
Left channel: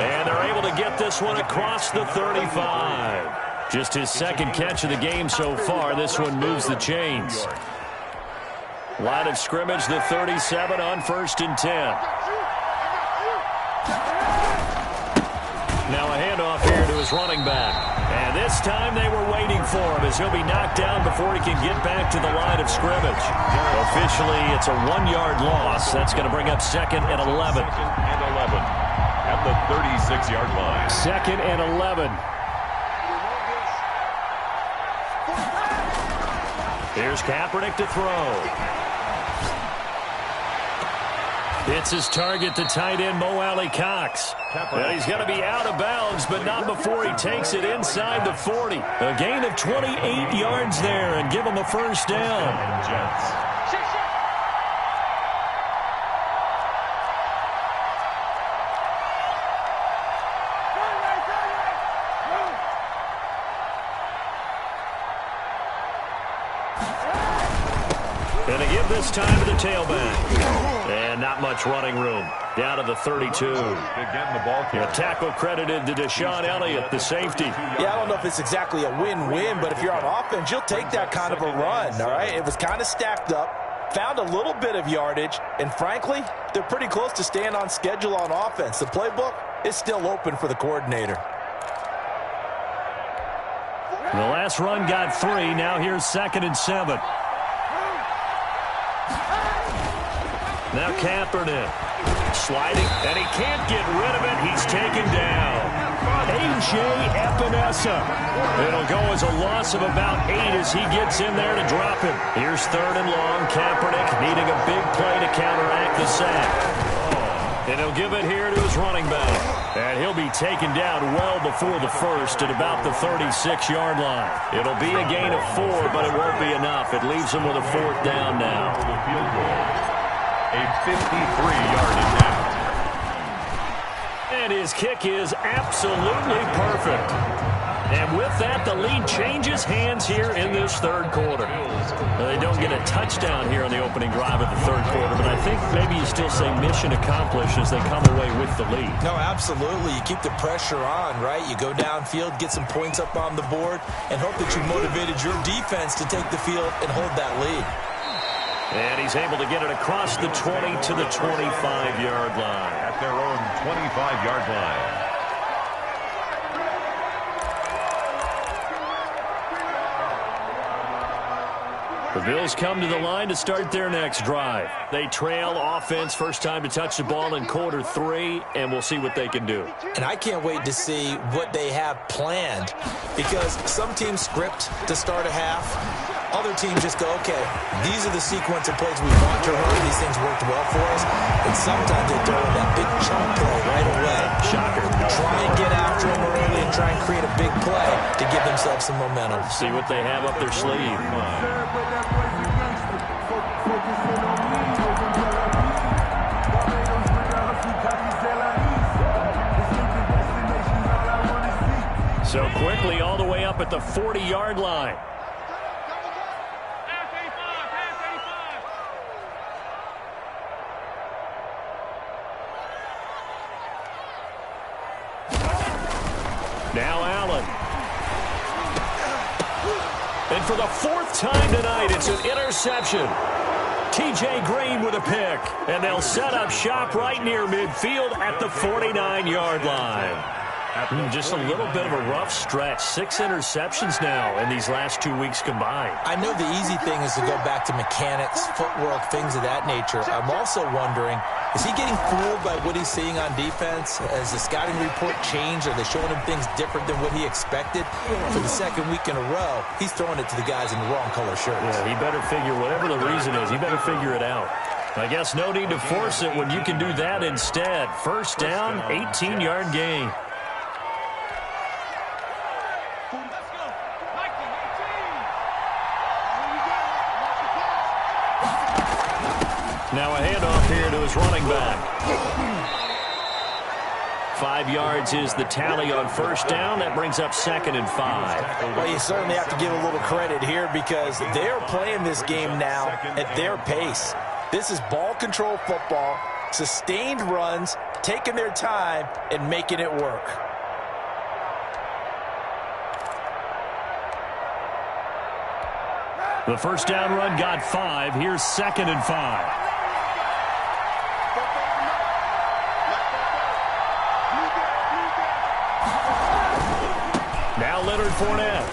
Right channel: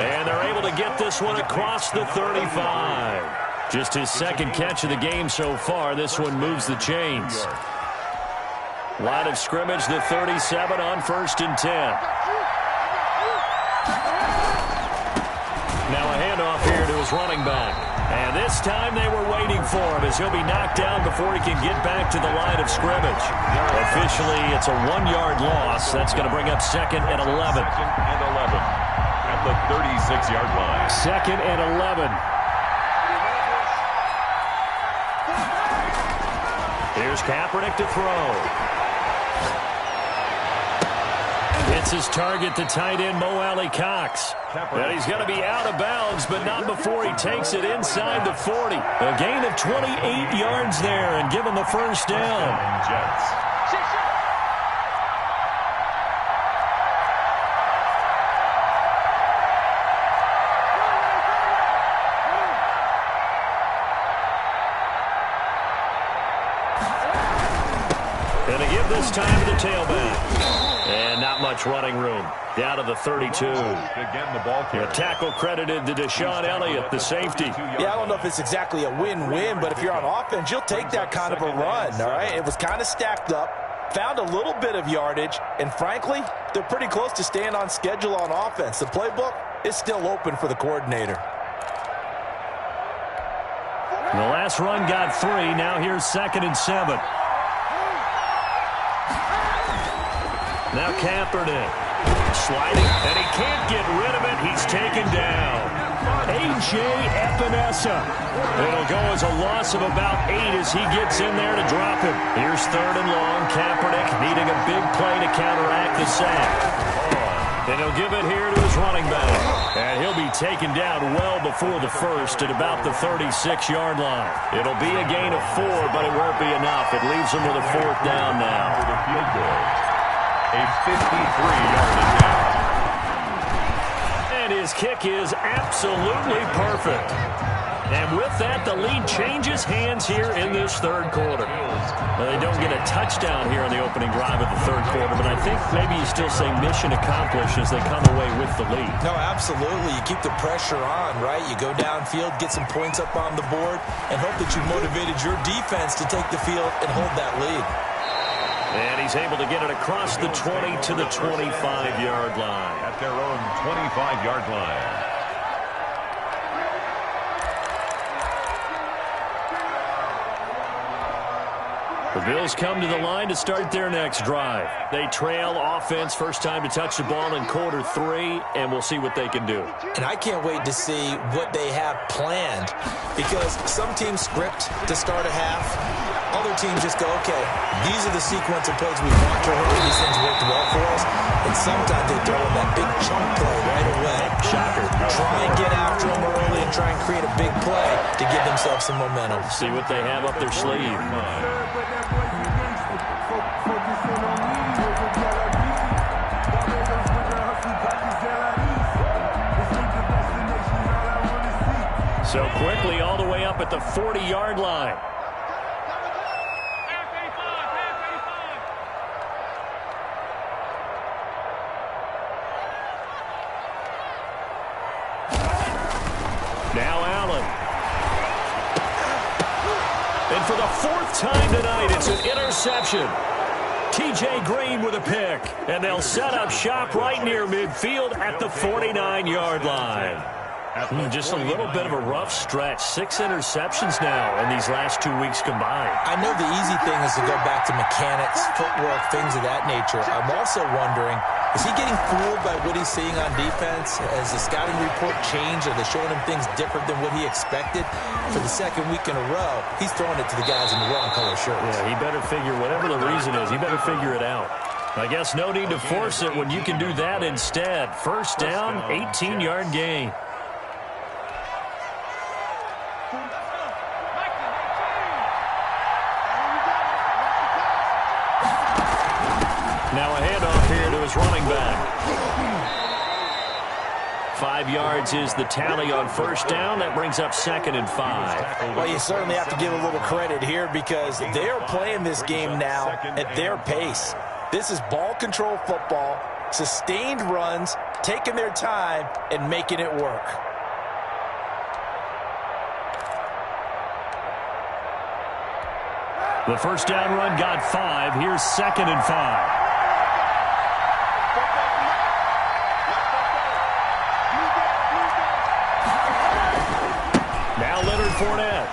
And they're able to get this one across the 35. Just his 2nd catch of the game so far. This one moves the chains. Line of scrimmage, the 37 on 1st and 10. Now a handoff here to his running back. And this time they were waiting for him as he'll be knocked down before he can get back to the line of scrimmage. Officially, it's a 1-yard loss. That's going to bring up 2nd and 11. 2nd and 11 at the 36-yard line. 2nd and 11. Here's Kaepernick to throw. It's his target, the tight end, Mo Alley-Cox. And he's going to be out of bounds, but not before he takes it inside the 40. A gain of 28 yards there and give him a first down. Jets. And they give this time to the tailback. And not much running room. Down to the 32. Again, the ball carrier. A tackle credited to Deshaun Elliott, the safety. Yeah, I don't know if it's exactly a win-win, but if you're on offense, you'll take that kind of a run, all right? It was kind of stacked up, found a little bit of yardage, and frankly, they're pretty close to staying on schedule on offense. The playbook is still open for the coordinator. The last run got 3. Now here's 2nd and 7. Now Kaepernick sliding, and he can't get rid of it. He's taken down. A.J. Epinesa. It'll go as a loss of about 8 as he gets in there to drop him. Here's 3rd and long. Kaepernick needing a big play to counteract the sack. And he'll give it here to his running back. And he'll be taken down well before the first at about the 36-yard line. It'll be a gain of 4, but it won't be enough. It leaves him with a 4th down now. For the field goal. A 53-yard attempt. And his kick is absolutely perfect. And with that, the lead changes hands here in this 3rd quarter. Now, they don't get a touchdown here on the opening drive of the 3rd quarter, but I think maybe you still say mission accomplished as they come away with the lead. No, absolutely. You keep the pressure on, right? You go downfield, get some points up on the board, and hope that you motivated your defense to take the field and hold that lead. And he's able to get it across the 20 to the 25-yard line. At their own 25-yard line. The Bills come to the line to start their next drive. They trail offense, first time to touch the ball in quarter 3, and we'll see what they can do. And I can't wait to see what they have planned, because some teams script to start a half. Other teams just go, okay, these are the sequence of plays we want to run. These things worked well for us. And sometimes they throw in that big chunk play right away. Shocker. Try and get after them early and try and create a big play to give themselves some momentum. See what they have up their sleeve. So quickly all the way up at the 40-yard line. Now Allen. And for the 4th time tonight, it's an interception. T.J. Green with a pick. And they'll set up shop right near midfield at the 49-yard line. Just a little bit of a rough stretch. 6 interceptions now in these last 2 weeks combined. I know the easy thing is to go back to mechanics, footwork, things of that nature. I'm also wondering, is he getting fooled by what he's seeing on defense? Has the scouting report changed? Are they showing him things different than what he expected? For the 2nd week in a row, he's throwing it to the guys in the wrong color shirts. Yeah, he better figure, whatever the reason is, he better figure it out. I guess no need to force it when you can do that instead. First down, 18-yard gain. Now a handoff here to his running back. 5 yards is the tally on first down. That brings up 2nd and 5. Well, you certainly have to give a little credit here because they are playing this game now at their pace. This is ball control football, sustained runs, taking their time, and making it work. The first down run got 5. Here's 2nd and 5. Now Leonard Fournette.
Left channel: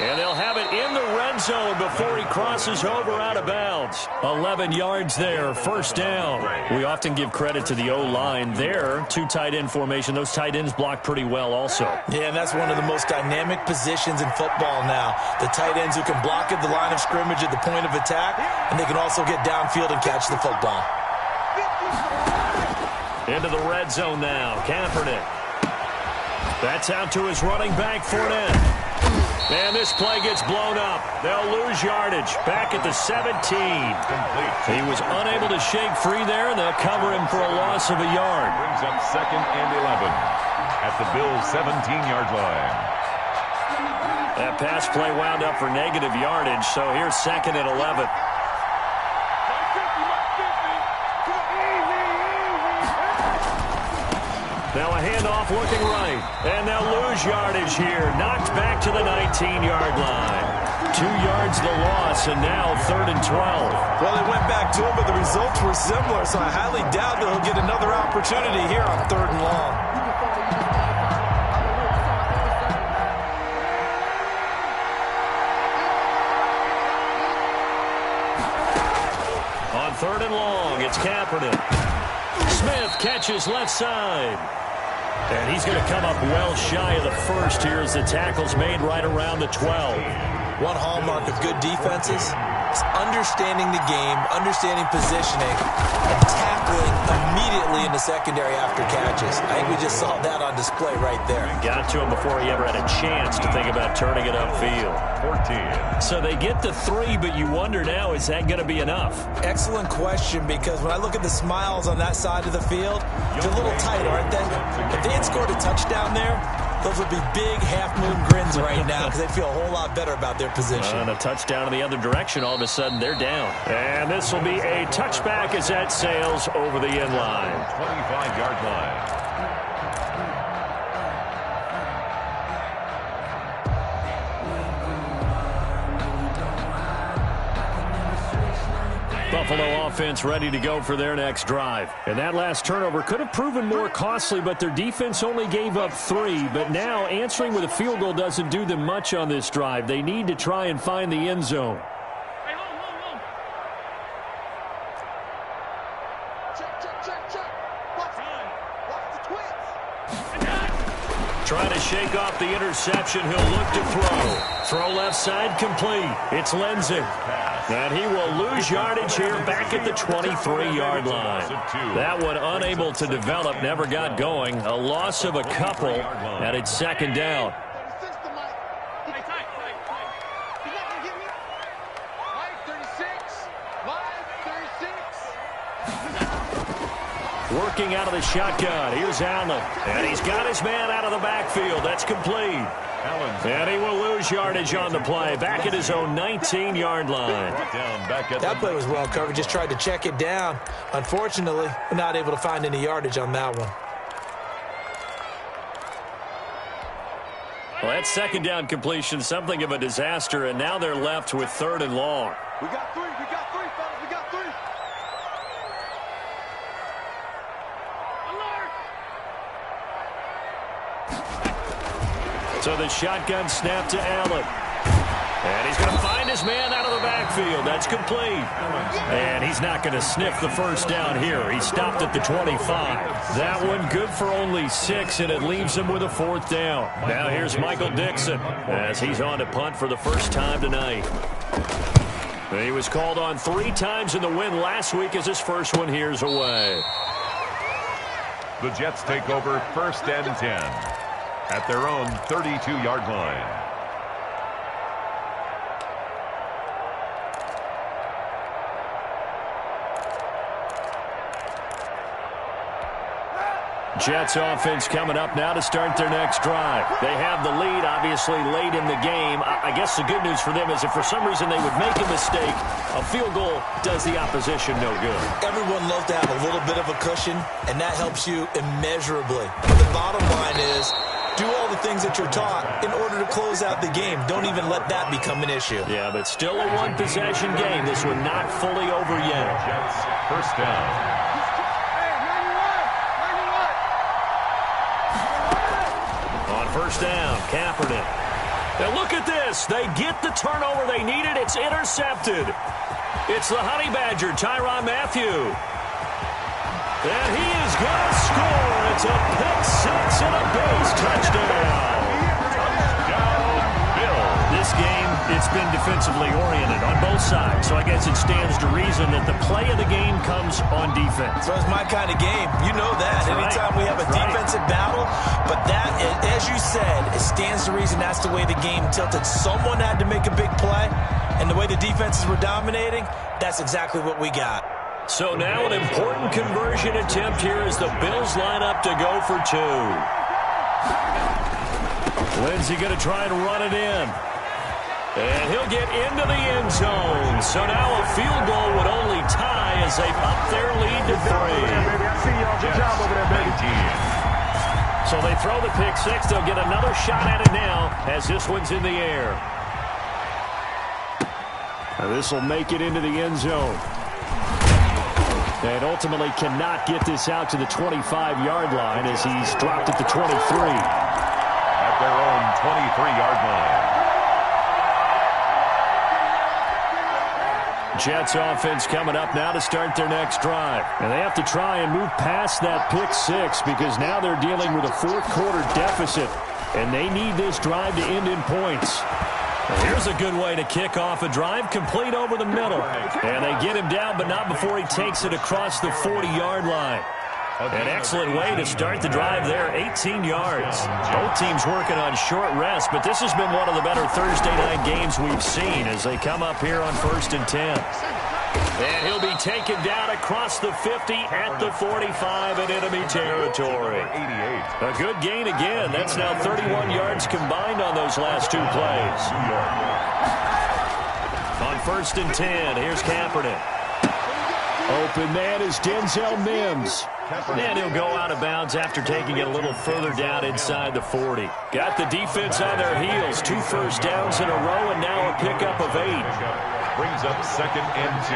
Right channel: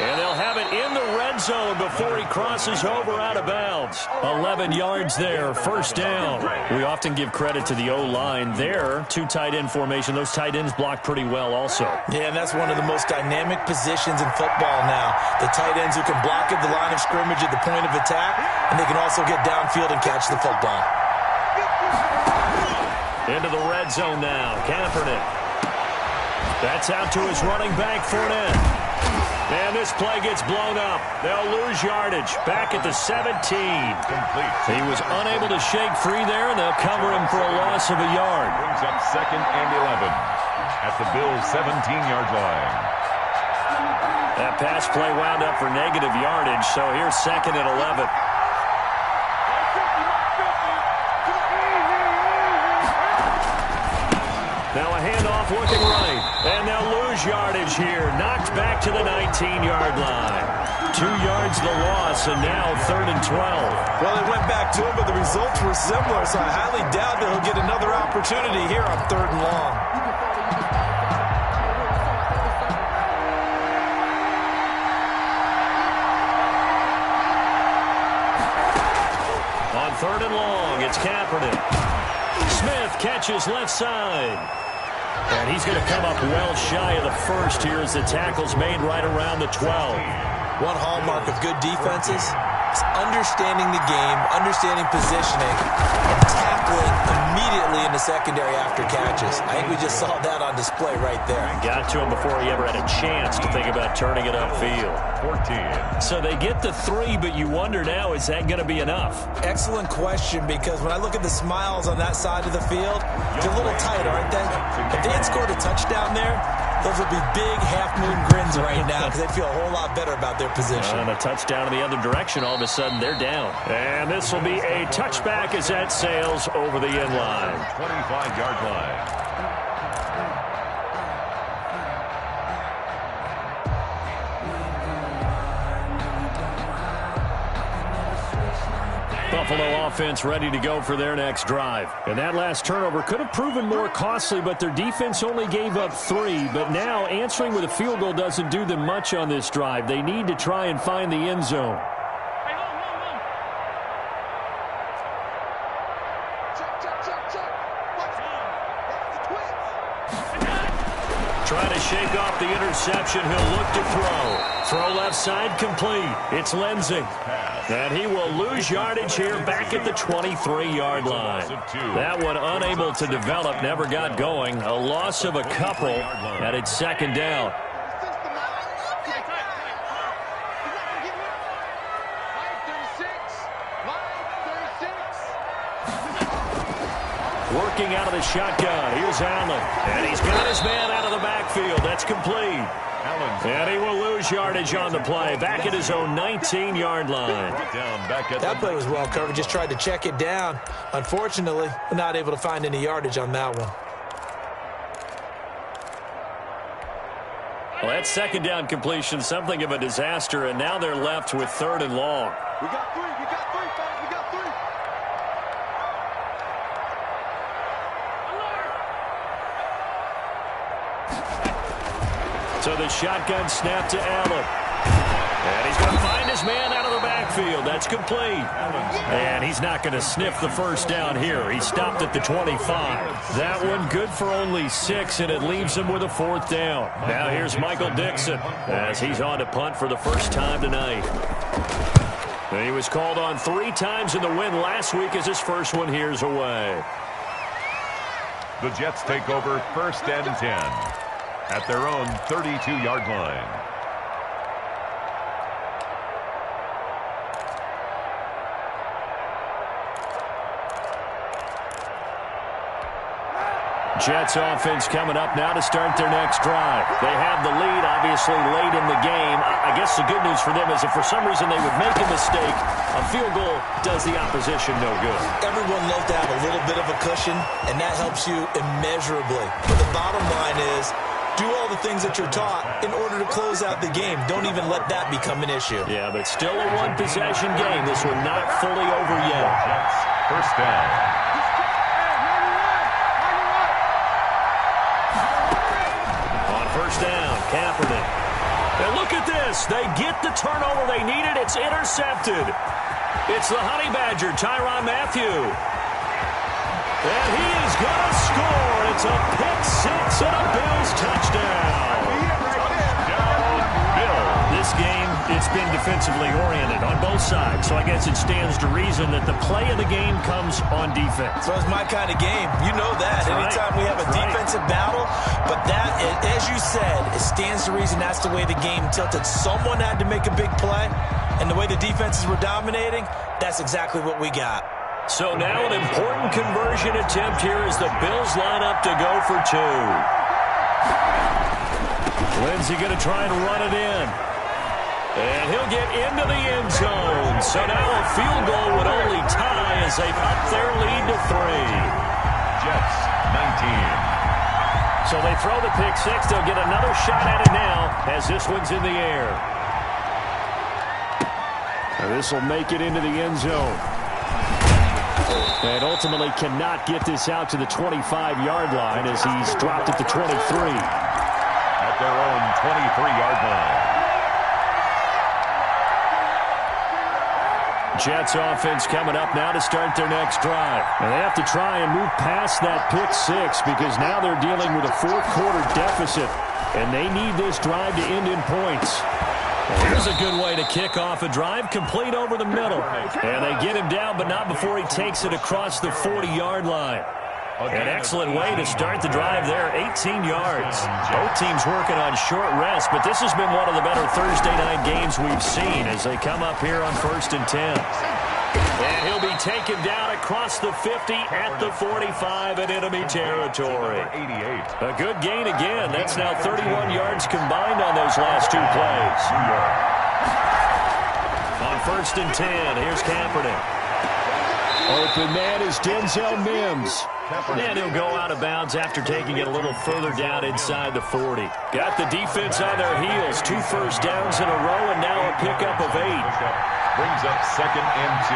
And they'll have it in the red zone before he crosses over out of bounds. 11 yards there, first down. We often give credit to the O-line there. 2 tight end formation. Those tight ends block pretty well also. Yeah, and that's one of the most dynamic positions in football now. The tight ends who can block at the line of scrimmage at the point of attack, and they can also get downfield and catch the football. Into the red zone now. Kaepernick. That's out to his running back, Fournette. And this play gets blown up. They'll lose yardage. Back at the 17. Complete. He was unable to shake free there, and they'll cover him for a loss of a yard. Brings up 2nd and 11 at the Bills' 17-yard line. That pass play wound up for negative yardage, so here's 2nd and 11. Now a handoff looking right, and they'll lose yardage here. Knocked back to the 19-yard line. 2 yards the loss, and now 3rd and 12. Well, they went back to him, but the results were similar, so I highly doubt that he'll get another opportunity here on 3rd and long. On 3rd and long, it's Kaepernick. Smith catches left side. And he's going to come up well shy of the first here as the tackle's made right around the 12. One hallmark of good defenses is understanding the game, understanding positioning, and tackling immediately in the secondary after catches. I think we just saw that on display right there. Got to him before he ever had a chance to think about turning it upfield. 14. So they get the 3, but you wonder now, is that going to be enough? Excellent question, because when I look at the smiles on that side of the field, they're a little tight, aren't they? If they had scored a touchdown there, those would be big half-moon grins right now because they feel a whole lot better about their position. And a touchdown in the other direction, all of a sudden they're down. And this will be a touchback as that sails over the end line. 25-yard line. Buffalo offense ready to go for their next drive. And that last turnover could have proven more costly, but their defense only gave up 3. But now answering with a field goal doesn't do them much on this drive. They need to try and find the end zone. Hey, hold. Check. Watch the twins. Trying to shake off the interception. He'll look to throw. Throw left side complete. It's Lindsey. And he will lose yardage here back at the 23-yard line. That one unable to develop, never got going. A loss of a couple, and it's 2nd down. Working out of the shotgun. Here's Allen. And he's got his man out of the backfield. That's complete. And he will lose yardage on the play. Back at his own 19-yard line. That play was well covered. Just tried to check it down. Unfortunately, not able to find any yardage on that one. Well, that 2nd down completion, something of a disaster, and now they're left with 3rd and long. We got 3, fellas. We got 3. So the shotgun snap to Allen. And he's going to find his man out of the backfield. That's complete. And he's not going to sniff the first down here. He stopped at the 25. That one good for only 6, and it leaves him with a 4th down. Now here's Michael Dixon as he's on to punt for the first time tonight. He was called on 3 times in the win last week as his first one here's away. The Jets take over 1st and 10. At their own 32-yard line. Jets offense coming up now to start their next drive. They have the lead, obviously, late in the game. I guess the good news for them is if for some reason they would make a mistake, a field goal does the opposition no good. Everyone loves to have a little bit of a cushion, and that helps you immeasurably. But the bottom line is, do all the things that you're taught in order to close out the game. Don't even let that become an issue. Yeah, but still a one-possession game. This one not fully over yet. Jets, 1st down. Hey, 91. On 1st down, Kaepernick. Now look at this. They get the turnover they needed. It's intercepted. It's the Honey Badger, Tyrann Mathieu. And he is going to score. It's a pick-6 and a Bills touchdown. Touchdown, Bills. This game, it's been defensively oriented on both sides, so I guess it stands to reason that the play of the game comes on defense. So it's my kind of game. You know that. That's Anytime we have a defensive battle, but that, as you said, it stands to reason that's the way the game tilted. Someone had to make a big play, and the way the defenses were dominating, that's exactly what we got. So now an important conversion attempt here as the Bills line up to go for 2. Lindsay going to try and run it in. And he'll get into the end zone. So now a field goal would only tie as they up their lead to 3. Jets, 19. So they throw the pick six. They'll get another shot at it now as this one's in the air. And this will make it into the end zone. And ultimately cannot get this out to the 25-yard line as he's dropped at the 23. At their own 23-yard line. Jets offense coming up now to start their next drive. And they have to try and move past that pick six because now they're dealing with a fourth-quarter deficit, and they need this drive to end in points. And here's a good way to kick off a drive, complete over the middle. And they get him down, but not before he takes it across the 40-yard line. An excellent way to start the drive there, 18 yards. Both teams working on short rest, but this has been one of the better Thursday night games we've seen as they come up here on 1st and 10. And he'll be taken down across the 50 at the 45 in enemy territory. A good gain again. That's now 31 yards combined on those last two plays. On 1st and 10, here's Kaepernick. Open man is Denzel Mims. And he'll go out of bounds after taking it a little further down inside the 40. Got the defense on their heels. 2 first downs in a row and now a pickup of 8. Brings up 2nd and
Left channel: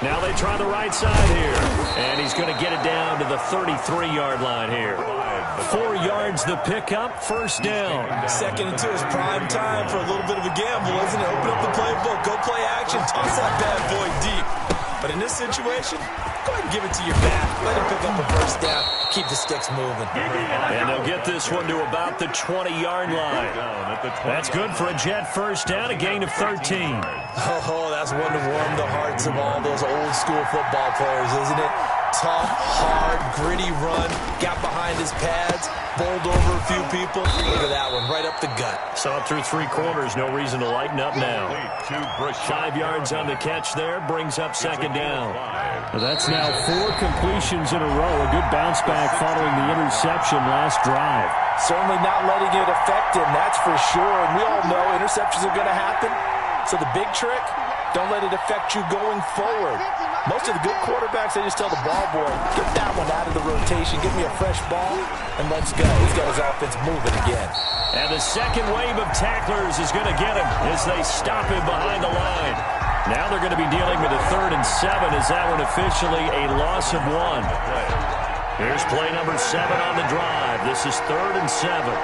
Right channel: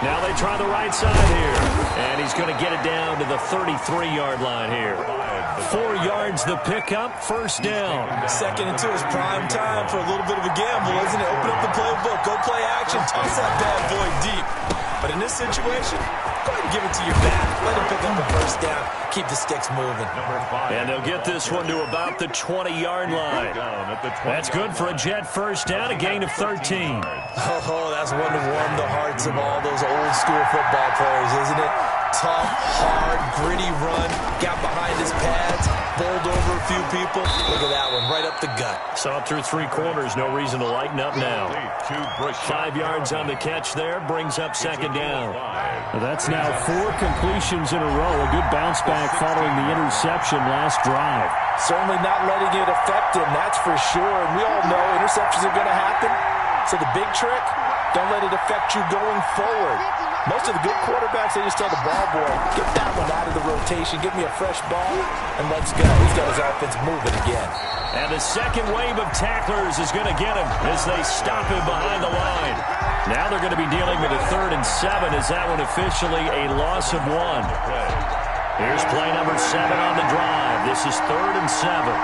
2. Now they try the right side here. And he's going to get it down to the 33-yard line here. 4 yards the pickup, first down. 2nd and 2 is prime time for a little bit of a gamble, isn't it? Open up the playbook, go play action, toss that bad boy deep. But in this situation, go ahead and give it to your back. Let him pick up the first down. Keep the sticks moving. And they'll get this one to about the 20-yard line. That's good for a Jet first down, a gain of 13. Oh, that's one to warm the hearts of all those old-school football players, isn't it? Tough, hard, gritty run. Got behind his pads, bowled over a few people. Look at that one, right up the gut. Saw it through 3 quarters. No reason to lighten up now. 5 yards on the catch there. Brings up 2nd down. That's now 4 completions in a row. A good bounce back following the interception last drive. Certainly not letting it affect him, that's for sure. And we all know interceptions are going to happen. So the big trick, don't let it affect you going forward. Most of the good quarterbacks, they just tell the ball boy, get that one out of the rotation, give me a fresh ball, and let's go. He's got his offense moving again. And the second wave of tacklers is going to get him as they stop him behind the line. Now they're going to be dealing with a 3rd and 7 as that one officially a loss of 1. Here's play number 7 on the drive. This is 3rd and 7.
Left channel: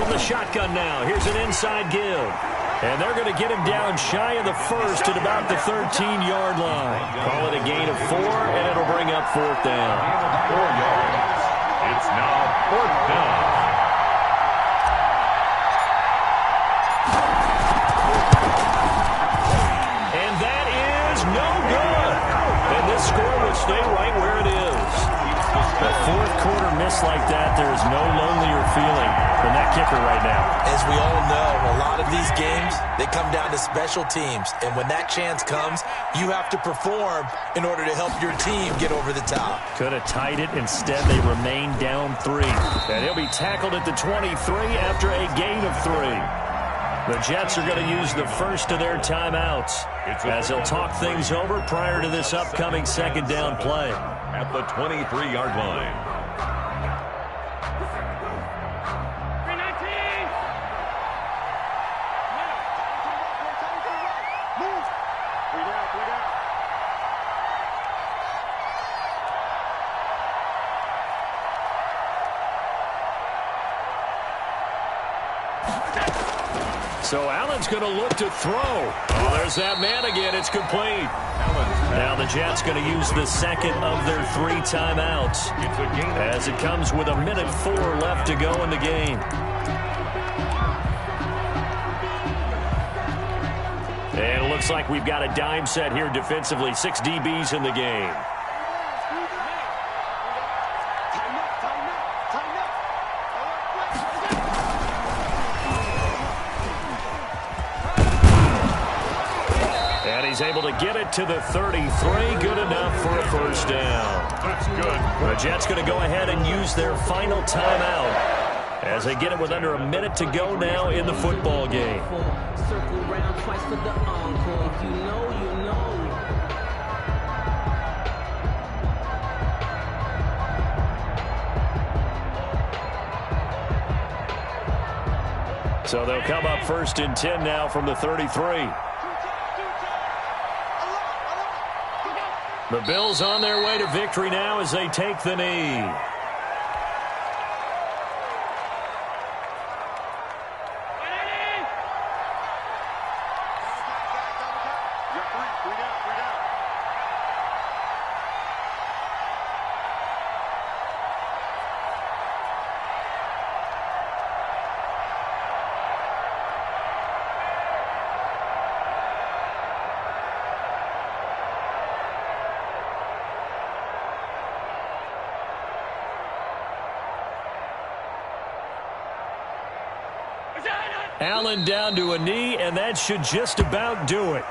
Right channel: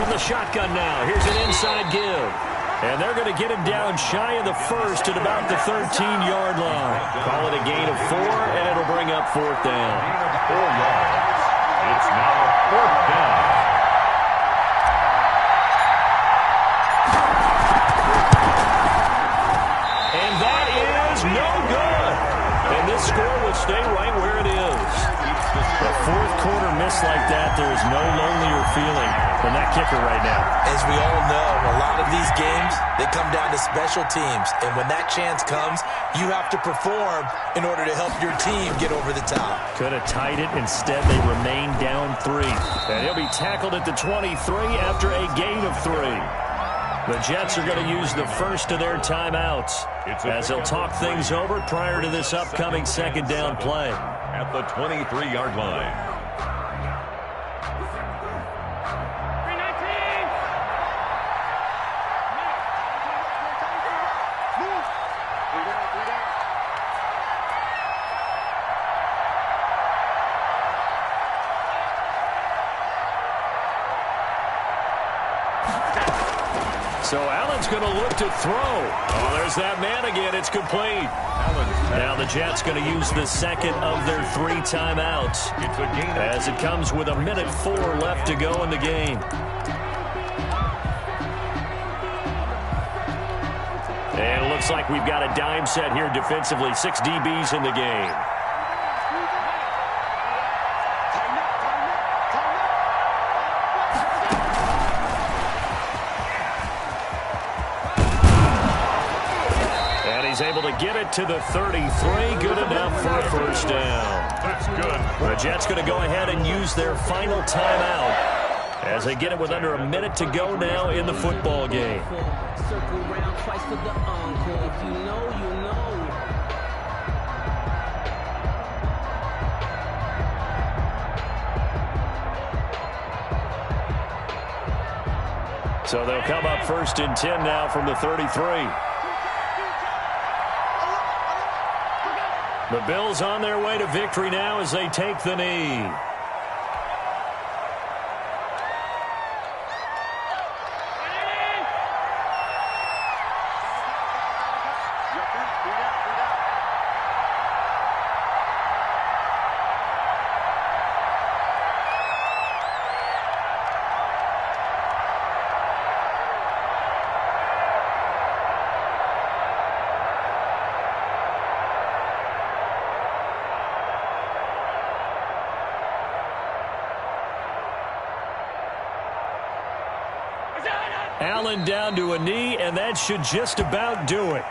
From the shotgun now, here's an inside give. And they're going to get him down shy of the 1st at about the 13-yard line. Call it a gain of 4, and it'll bring up 4th down. Gain of 4 yards. It's now 4th down. And that is no good. And this score will stay right where it is. A fourth-quarter miss like that, there is no lonelier feeling than that kicker right now. As we all know, a lot of these games, they come down to special teams. And when that chance comes, you have to perform in order to help your team get over the top. Could have tied it. Instead, they remain down 3. And he'll be tackled at the 23 after a gain of 3. The Jets are going to use the first of their timeouts as they'll talk things over prior to this upcoming 2nd down play. At the 23-yard line. 319. Move. 3 down, 3 down. So Allen's going to look to throw. Oh, there's that man again. It's complete. Now the Jets going to use the 2nd of their 3 timeouts as it comes with 1:04 left to go in the game. And it looks like we've got a dime set here defensively. 6 DBs in the game. he's able to get it to the 33. Good enough for a first down. That's good. The Jets going to go ahead and use their final timeout as they get it with under a minute to go now in the football game. Circle round twice for the encore. If you know, you know. So they'll come up 1st and 10 now from the 33. The Bills on their way to victory now as they take the knee. Allen down to a knee, and that should just about do it.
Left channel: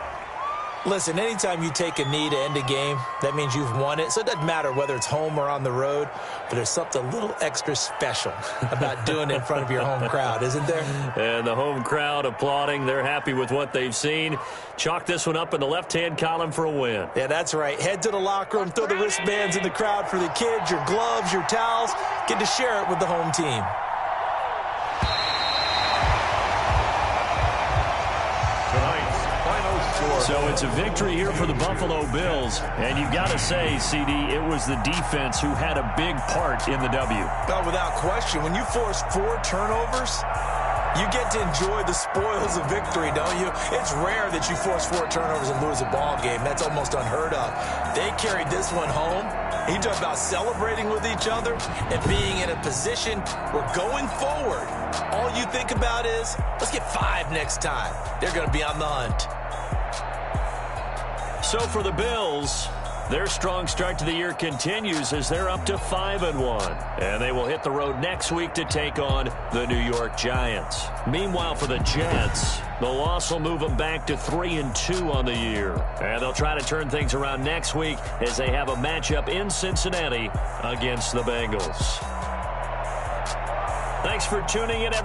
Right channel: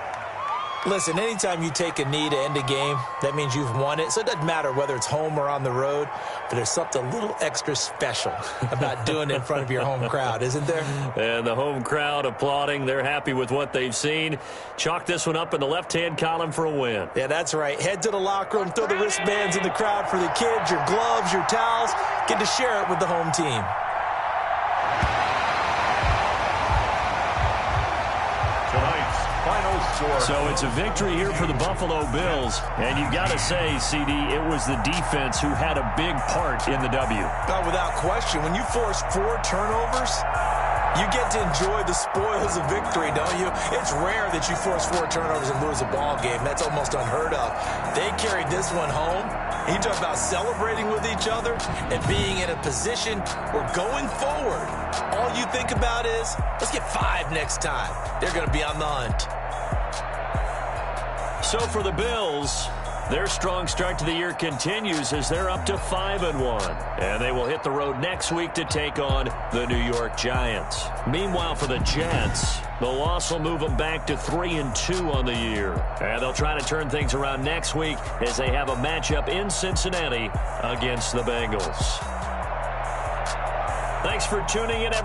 Listen, anytime you take a knee to end a game, that means you've won it. So it doesn't matter whether it's home or on the road, but there's something a little extra special about doing it in front of your home crowd, isn't there? And the home crowd applauding. They're happy with what they've seen. Chalk this one up in the left-hand column for a win. Yeah, that's right. Head to the locker room, throw the wristbands in the crowd for the kids, your gloves, your towels. Get to share it with the home team. Tonight's final score. So it's a victory here for the Buffalo Bills. And you've got to say, CD, it was the defense who had a big part in the W. Well, without question, when you force 4 turnovers, you get to enjoy the spoils of victory, don't you? It's rare that you force 4 turnovers and lose a ball game. That's almost unheard of. They carried this one home. You talk about celebrating with each other and being in a position where going forward, all you think about is, let's get 5 next time. They're going to be on the hunt. So for the Bills, their strong start to the year continues as they're up to 5-1. And they will hit the road next week to take on the New York Giants. Meanwhile, for the Jets, the loss will move them back to 3-2 on the year. And they'll try to turn things around next week as they have a matchup in Cincinnati against the Bengals. Thanks for tuning in, everyone.